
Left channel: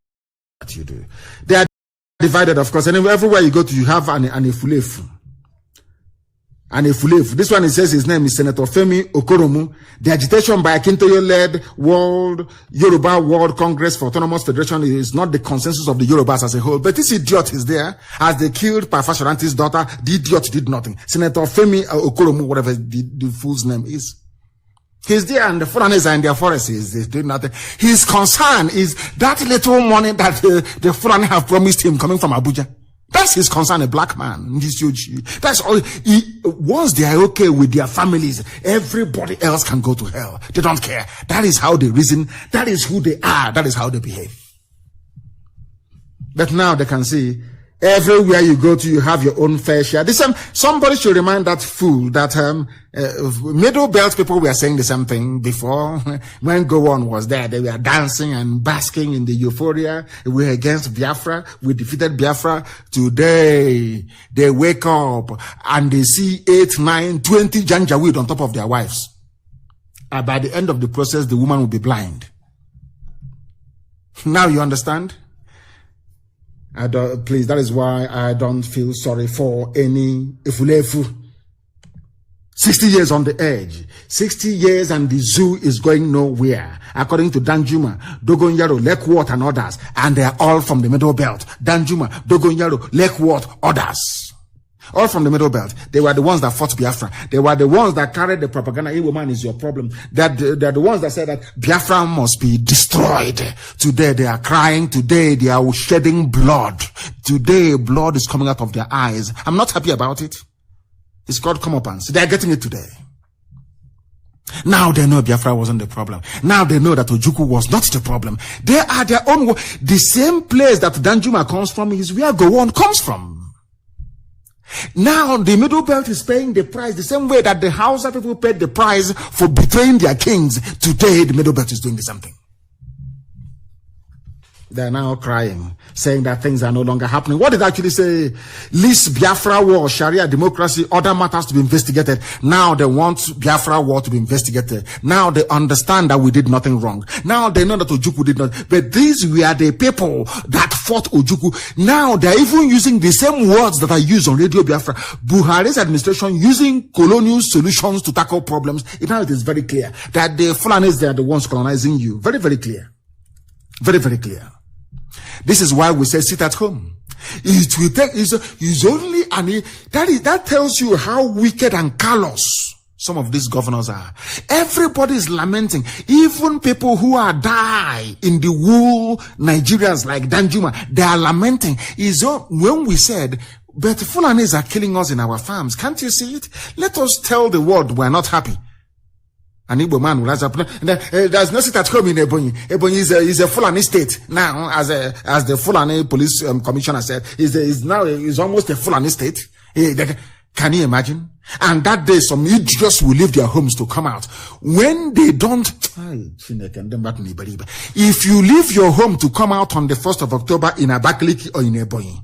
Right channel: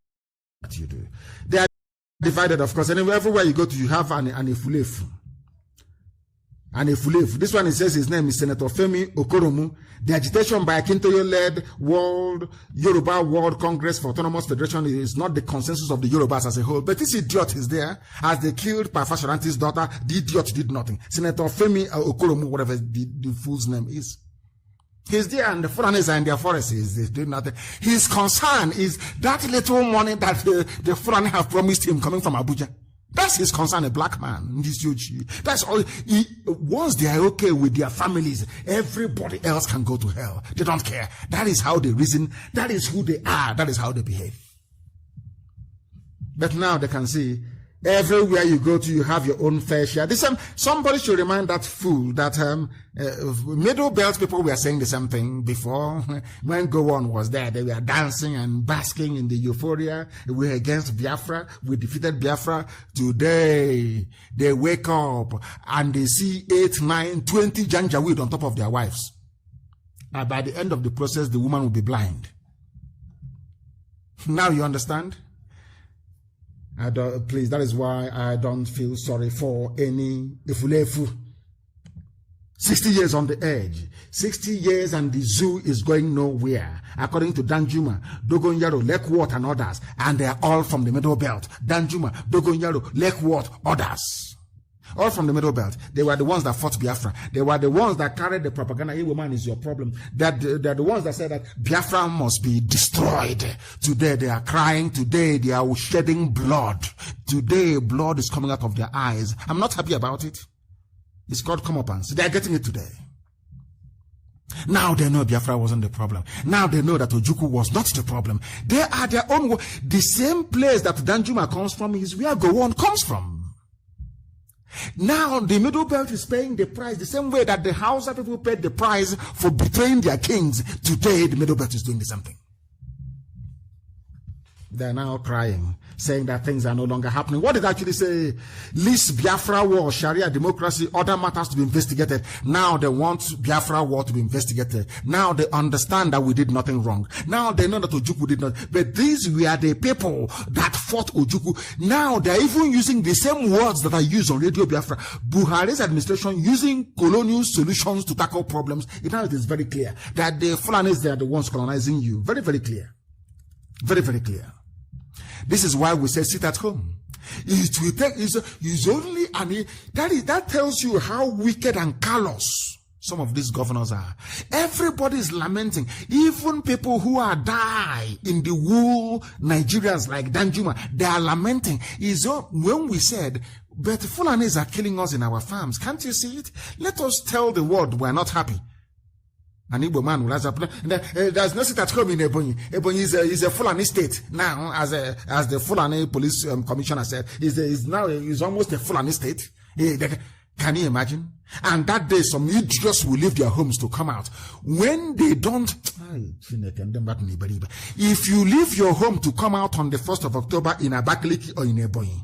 you do. They are divided, of course, and everywhere you go to, you have an Ifulefu. An Ifulefu. This one, it says his name is Senator Femi Okoromu. The agitation by Akintoye-led Yoruba World Congress for Autonomous Federation is not the consensus of the Yorubas as a whole, but this idiot is there. As they killed Parfasharanti's daughter, the idiot did nothing. Senator Femi Okoromu, whatever the fool's name is. He's there and the Fulanis are in their forests. He's doing nothing. His concern is that little money that the Fulani have promised him coming from Abuja. That's his concern, a black man. That's all. Once they are okay with their families, everybody else can go to hell. They don't care. That is how they reason. That is who they are. That is how they behave. But now they can see everywhere you go to, you have your own fair share. Somebody should remind that fool that middle belt people were saying the same thing before. When Gowon was there, they were dancing and basking in the euphoria. We were against Biafra. We defeated Biafra. Today, they wake up and they see 8, 9, 20 janjaweed on top of their wives. And by the end of the process, the woman will be blind. Now you understand? Please, that is why I don't feel sorry for any Ifulefu. 60 years on the edge. 60 years and the zoo is going nowhere. According to Danjuma, Dogonyaro, Lekwot and others. And they are all from the Middle Belt. Danjuma, Dogonyaro, Lekwot, others. All from the Middle Belt. They were the ones that fought Biafra. They were the ones that carried the propaganda. Hey, woman, is your problem. They're the ones that said that Biafra must be destroyed. Today they are crying. Today they are shedding blood. Today blood is coming out of their eyes. I'm not happy about it. It's called comeuppance. They are getting it today. Now they know Biafra wasn't the problem. Now they know that Ojukwu was not the problem. They are their own. The same place that Danjuma comes from is where Gowon comes from. Now the Middle Belt is paying the price the same way that the Hausa people paid the price for betraying their kings. Today the Middle Belt is doing the same thing. They are now crying, saying that things are no longer happening. What did it actually say? Least Biafra war, Sharia democracy, other matters to be investigated. Now they want Biafra war to be investigated. Now they understand that we did nothing wrong. Now they know that Ojukwu did not. But these were the people that fought Ojukwu. Now they are even using the same words that are used on Radio Biafra. Buhari's administration using colonial solutions to tackle problems. Now it is very clear that the Fulanis, they are the ones colonizing you. Very, very clear. Very, very clear. This is why we say sit at home. It will take is only that tells you how wicked and callous some of these governors are. Everybody is lamenting. Even people who are die in the wool Nigerians like Danjuma, they are lamenting. Is when we said, but Fulanis are killing us in our farms. Can't you see it? Let us tell the world we're not happy. An Igbo man will rise up. There's no sit at home in Ebonyi. Ebonyi is a Fulani state now, as the Fulani police commissioner said. Is almost a Fulani state. Can you imagine? And that day, some idiots will leave their homes to come out. When they don't, if you leave your home to come out on the 1st of October in Abakaliki or in Ebonyi,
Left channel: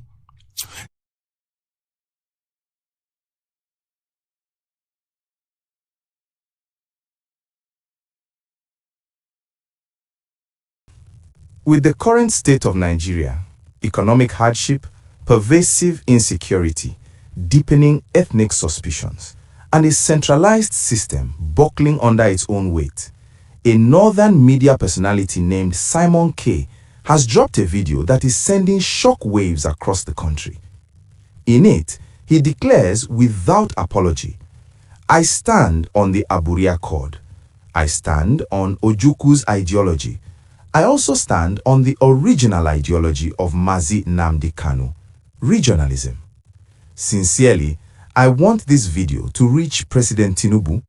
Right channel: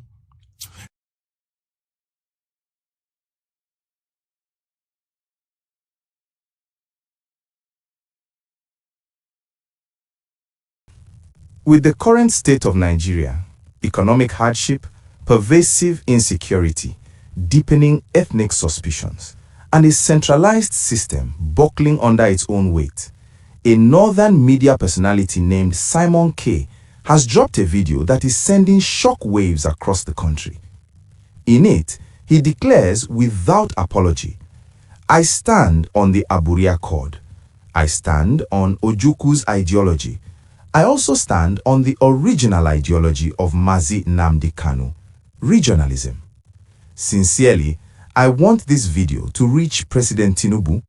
With the current state of Nigeria, economic hardship, pervasive insecurity, deepening ethnic suspicions, and a centralized system buckling under its own weight, a northern media personality named Simon K has dropped a video that is sending shock waves across the country. In it, he declares without apology, "I stand on the Aburi Accord. I stand on Ojukwu's ideology. I also stand on the original ideology of Mazi Nnamdi Kanu, regionalism. Sincerely, I want this video to reach President Tinubu."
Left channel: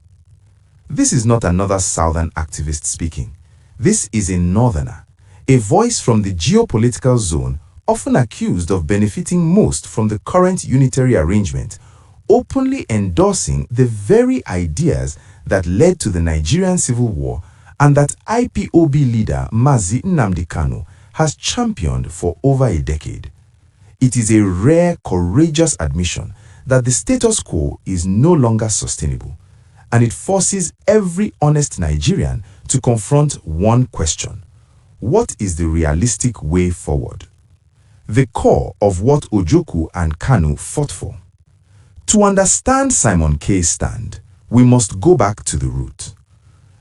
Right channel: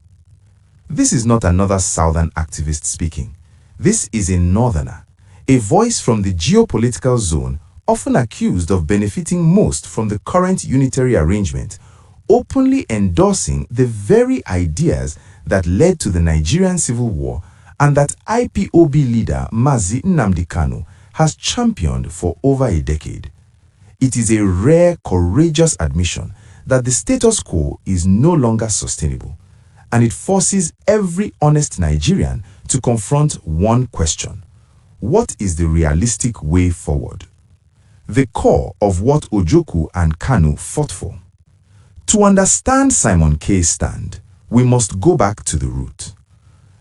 This is not another southern activist speaking. This is a northerner, a voice from the geopolitical zone often accused of benefiting most from the current unitary arrangement, openly endorsing the very ideas that led to the Nigerian Civil War and that IPOB leader Mazi Nnamdi Kanu has championed for over a decade. It is a rare, courageous admission that the status quo is no longer sustainable, and it forces every honest Nigerian to confront one question: what is the realistic way forward? The core of what Ojukwu and Kanu fought for. To understand Simon K's stand, we must go back to the root.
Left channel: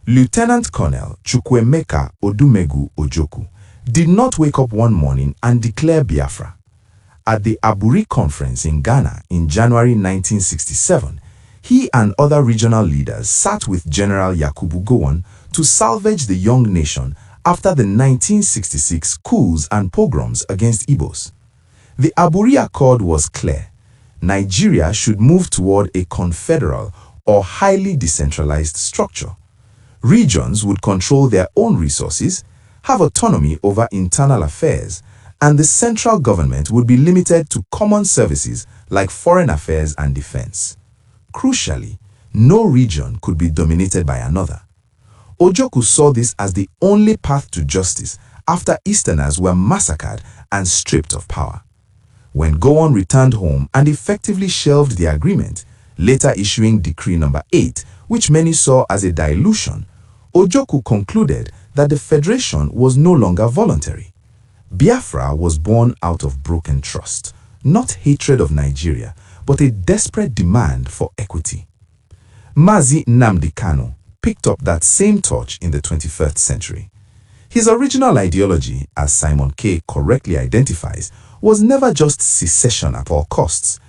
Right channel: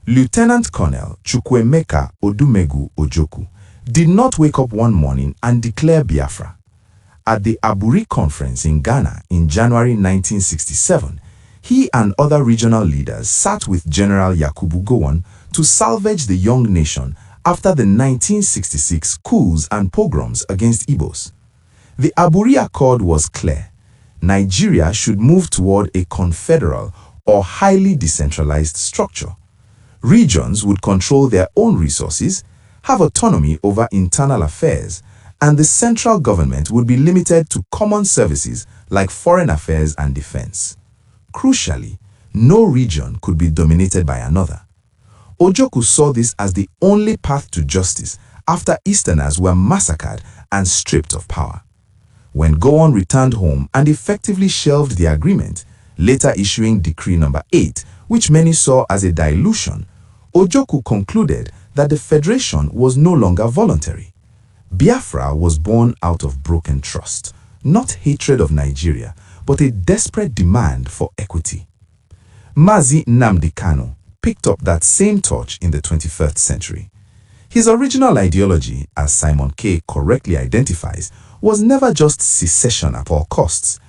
Lieutenant Colonel Chukwuemeka Odumegu Ojukwu did not wake up one morning and declare Biafra. At the Aburi conference in Ghana in January 1967, he and other regional leaders sat with General Yakubu Gowon to salvage the young nation after the 1966 coups and pogroms against Igbos. The Aburi Accord was clear. Nigeria should move toward a confederal or highly decentralized structure. Regions would control their own resources, have autonomy over internal affairs, and the central government would be limited to common services like foreign affairs and defense. Crucially, no region could be dominated by another. Ojukwu saw this as the only path to justice after Easterners were massacred and stripped of power. When Gowon returned home and effectively shelved the agreement, later issuing Decree No. 8, which many saw as a dilution, Ojukwu concluded that the federation was no longer voluntary. Biafra was born out of broken trust, not hatred of Nigeria, but a desperate demand for equity. Mazi Nnamdi Kanu picked up that same torch in the 21st century. His original ideology, as Simon K correctly identifies, was never just secession at all costs.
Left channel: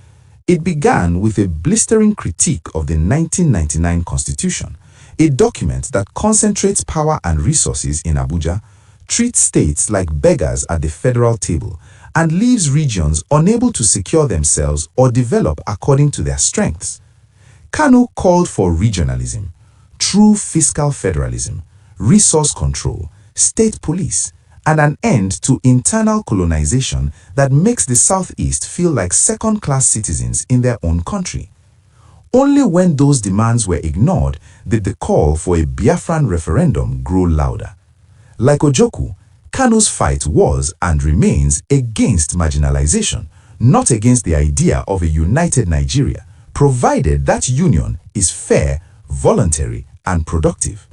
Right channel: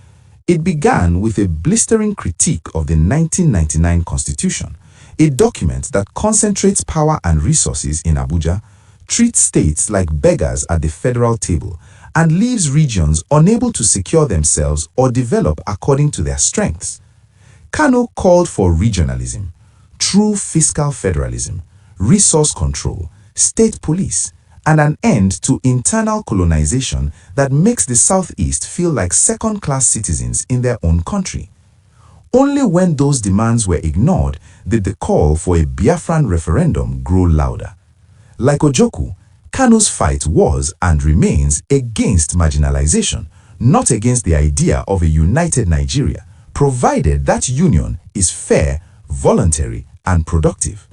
It began with a blistering critique of the 1999 Constitution, a document that concentrates power and resources in Abuja, treats states like beggars at the federal table, and leaves regions unable to secure themselves or develop according to their strengths. Kanu called for regionalism, true fiscal federalism, resource control, state police, and an end to internal colonization that makes the Southeast feel like second-class citizens in their own country. Only when those demands were ignored did the call for a Biafran referendum grow louder. Like Ojukwu, Kanu's fight was and remains against marginalization, not against the idea of a united Nigeria, provided that union is fair, voluntary, and productive.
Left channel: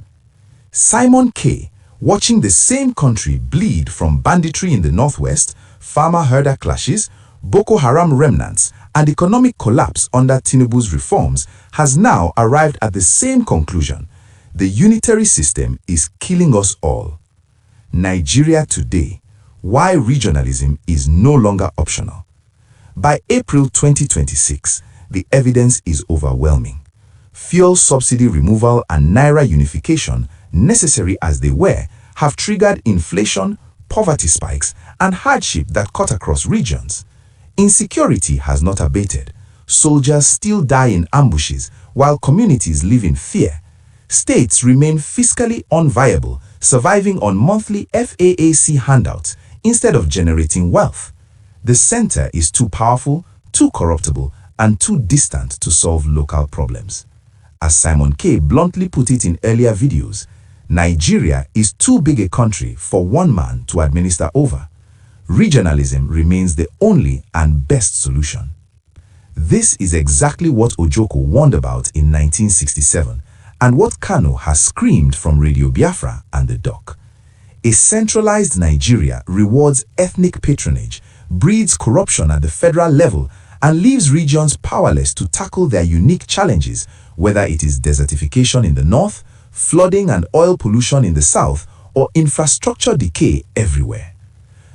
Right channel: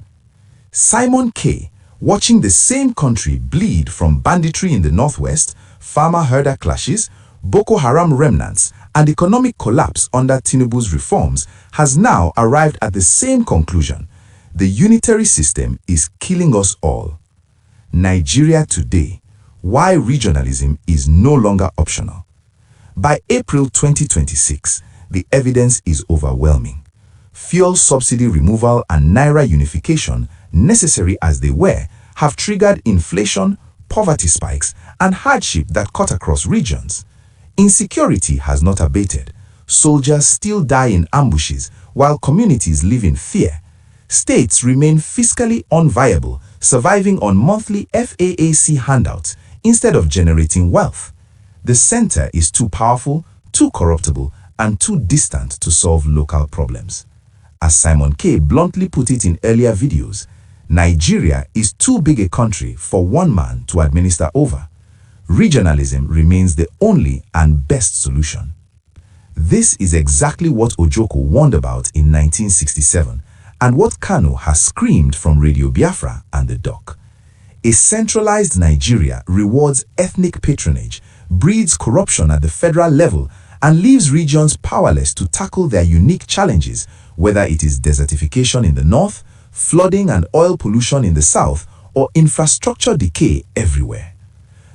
Simon K, watching the same country bleed from banditry in the northwest, farmer-herder clashes, Boko Haram remnants, and economic collapse under Tinubu's reforms, has now arrived at the same conclusion: the unitary system is killing us all. Nigeria today, why regionalism is no longer optional. By April 2026, the evidence is overwhelming. Fuel subsidy removal and Naira unification, necessary as they were, have triggered inflation, poverty spikes, and hardship that cut across regions. Insecurity has not abated. Soldiers still die in ambushes while communities live in fear. States remain fiscally unviable, surviving on monthly FAAC handouts instead of generating wealth. The center is too powerful, too corruptible, and too distant to solve local problems. As Simon K bluntly put it in earlier videos, Nigeria is too big a country for one man to administer over. Regionalism remains the only and best solution. This is exactly what Ojukwu warned about in 1967, and what Kanu has screamed from Radio Biafra and the dock. A centralized Nigeria rewards ethnic patronage, breeds corruption at the federal level, and leaves regions powerless to tackle their unique challenges, whether it is desertification in the north, flooding and oil pollution in the south, or infrastructure decay everywhere.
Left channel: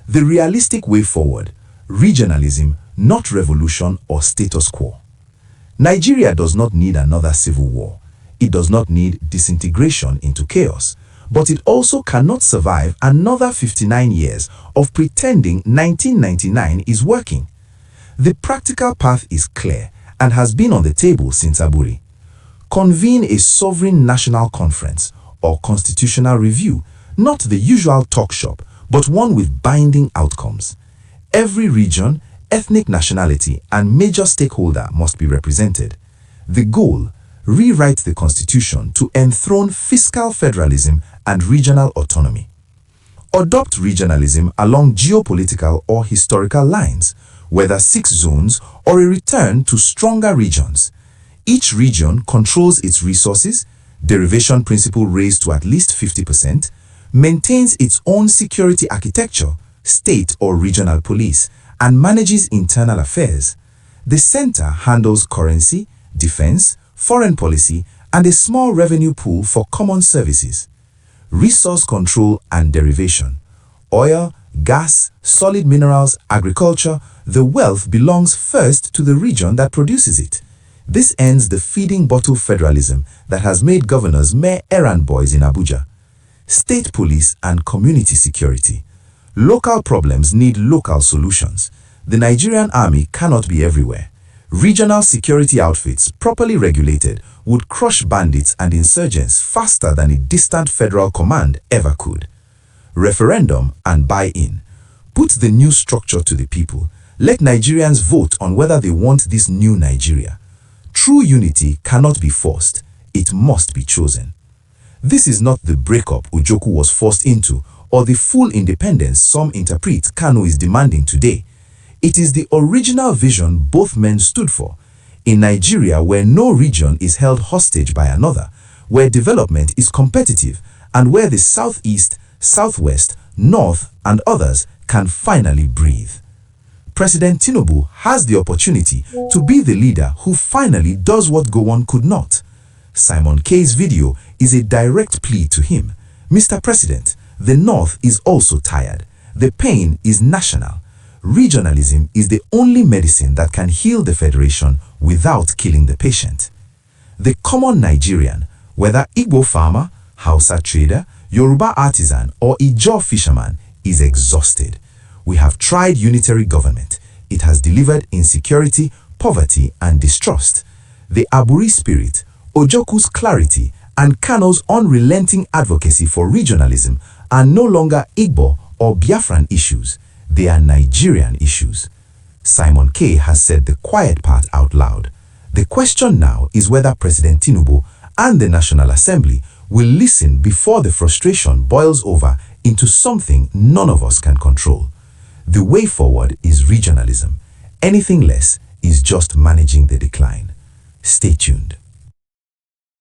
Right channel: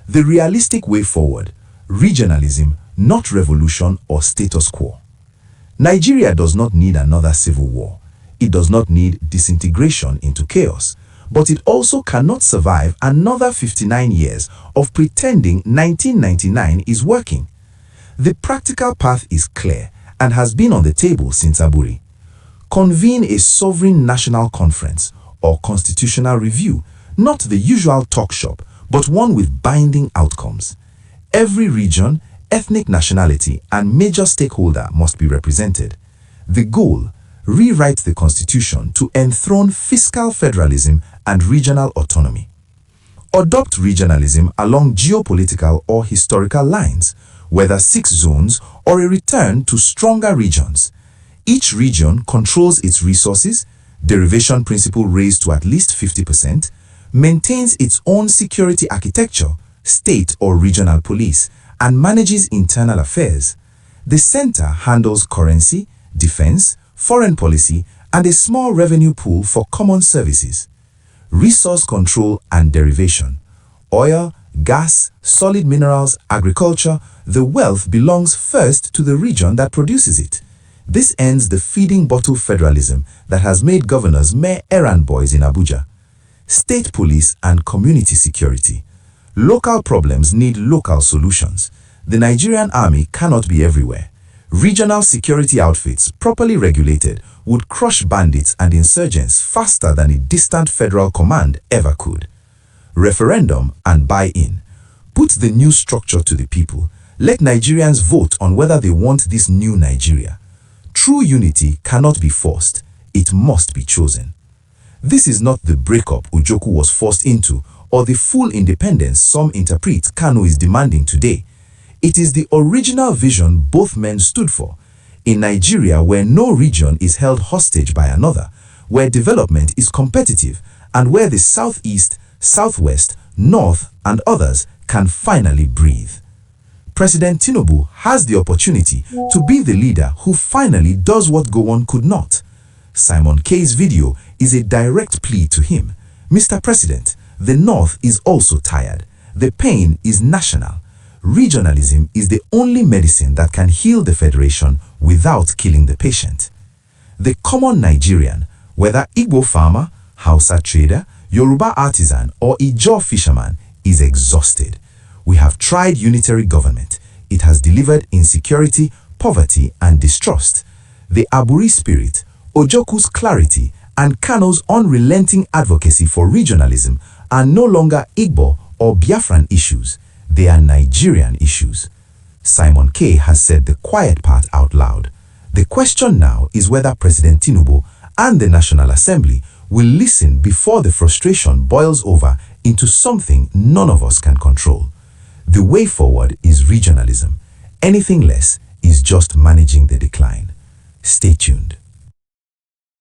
The realistic way forward: regionalism, not revolution or status quo. Nigeria does not need another civil war. It does not need disintegration into chaos. But it also cannot survive another 59 years of pretending 1999 is working. The practical path is clear and has been on the table since Aburi. Convene a sovereign national conference or constitutional review, not the usual talk shop, but one with binding outcomes. Every region, ethnic nationality, and major stakeholder must be represented. The goal: rewrite the constitution to enthrone fiscal federalism and regional autonomy. Adopt regionalism along geopolitical or historical lines, whether 6 zones or a return to stronger regions. Each region controls its resources, derivation principle raised to at least 50%, maintains its own security architecture, state or regional police, and manages internal affairs. The center handles currency, defense, foreign policy, and a small revenue pool for common services. Resource control and derivation. Oil, gas, solid minerals, agriculture, the wealth belongs first to the region that produces it. This ends the feeding bottle federalism that has made governors mere errand boys in Abuja. State police and community security. Local problems need local solutions. The Nigerian army cannot be everywhere. Regional security outfits, properly regulated, would crush bandits and insurgents faster than a distant federal command ever could. Referendum and buy-in. Put the new structure to the people. Let Nigerians vote on whether they want this new Nigeria. True unity cannot be forced. It must be chosen. This is not the breakup Ujoku was forced into or the full independence some interpret Kanu is demanding today. It is the original vision both men stood for. In Nigeria, where no region is held hostage by another, where development is competitive, and where the southeast, southwest, north, and others can finally breathe. President Tinubu has the opportunity to be the leader who finally does what Gowon could not. Simon K's video is a direct plea to him. Mr. President, the North is also tired. The pain is national. Regionalism is the only medicine that can heal the federation without killing the patient. The common Nigerian, whether Igbo farmer, Hausa trader, Yoruba artisan, or Ijaw fisherman, is exhausted. We have tried unitary government. It has delivered insecurity, poverty, and distrust. The Aburi spirit, Ojoku's clarity, and Kano's unrelenting advocacy for regionalism are no longer Igbo or Biafran issues. They are Nigerian issues. Simon K has said the quiet part out loud. The question now is whether President Tinubu and the National Assembly will listen before the frustration boils over into something none of us can control. The way forward is regionalism. Anything less is just managing the decline. Stay tuned.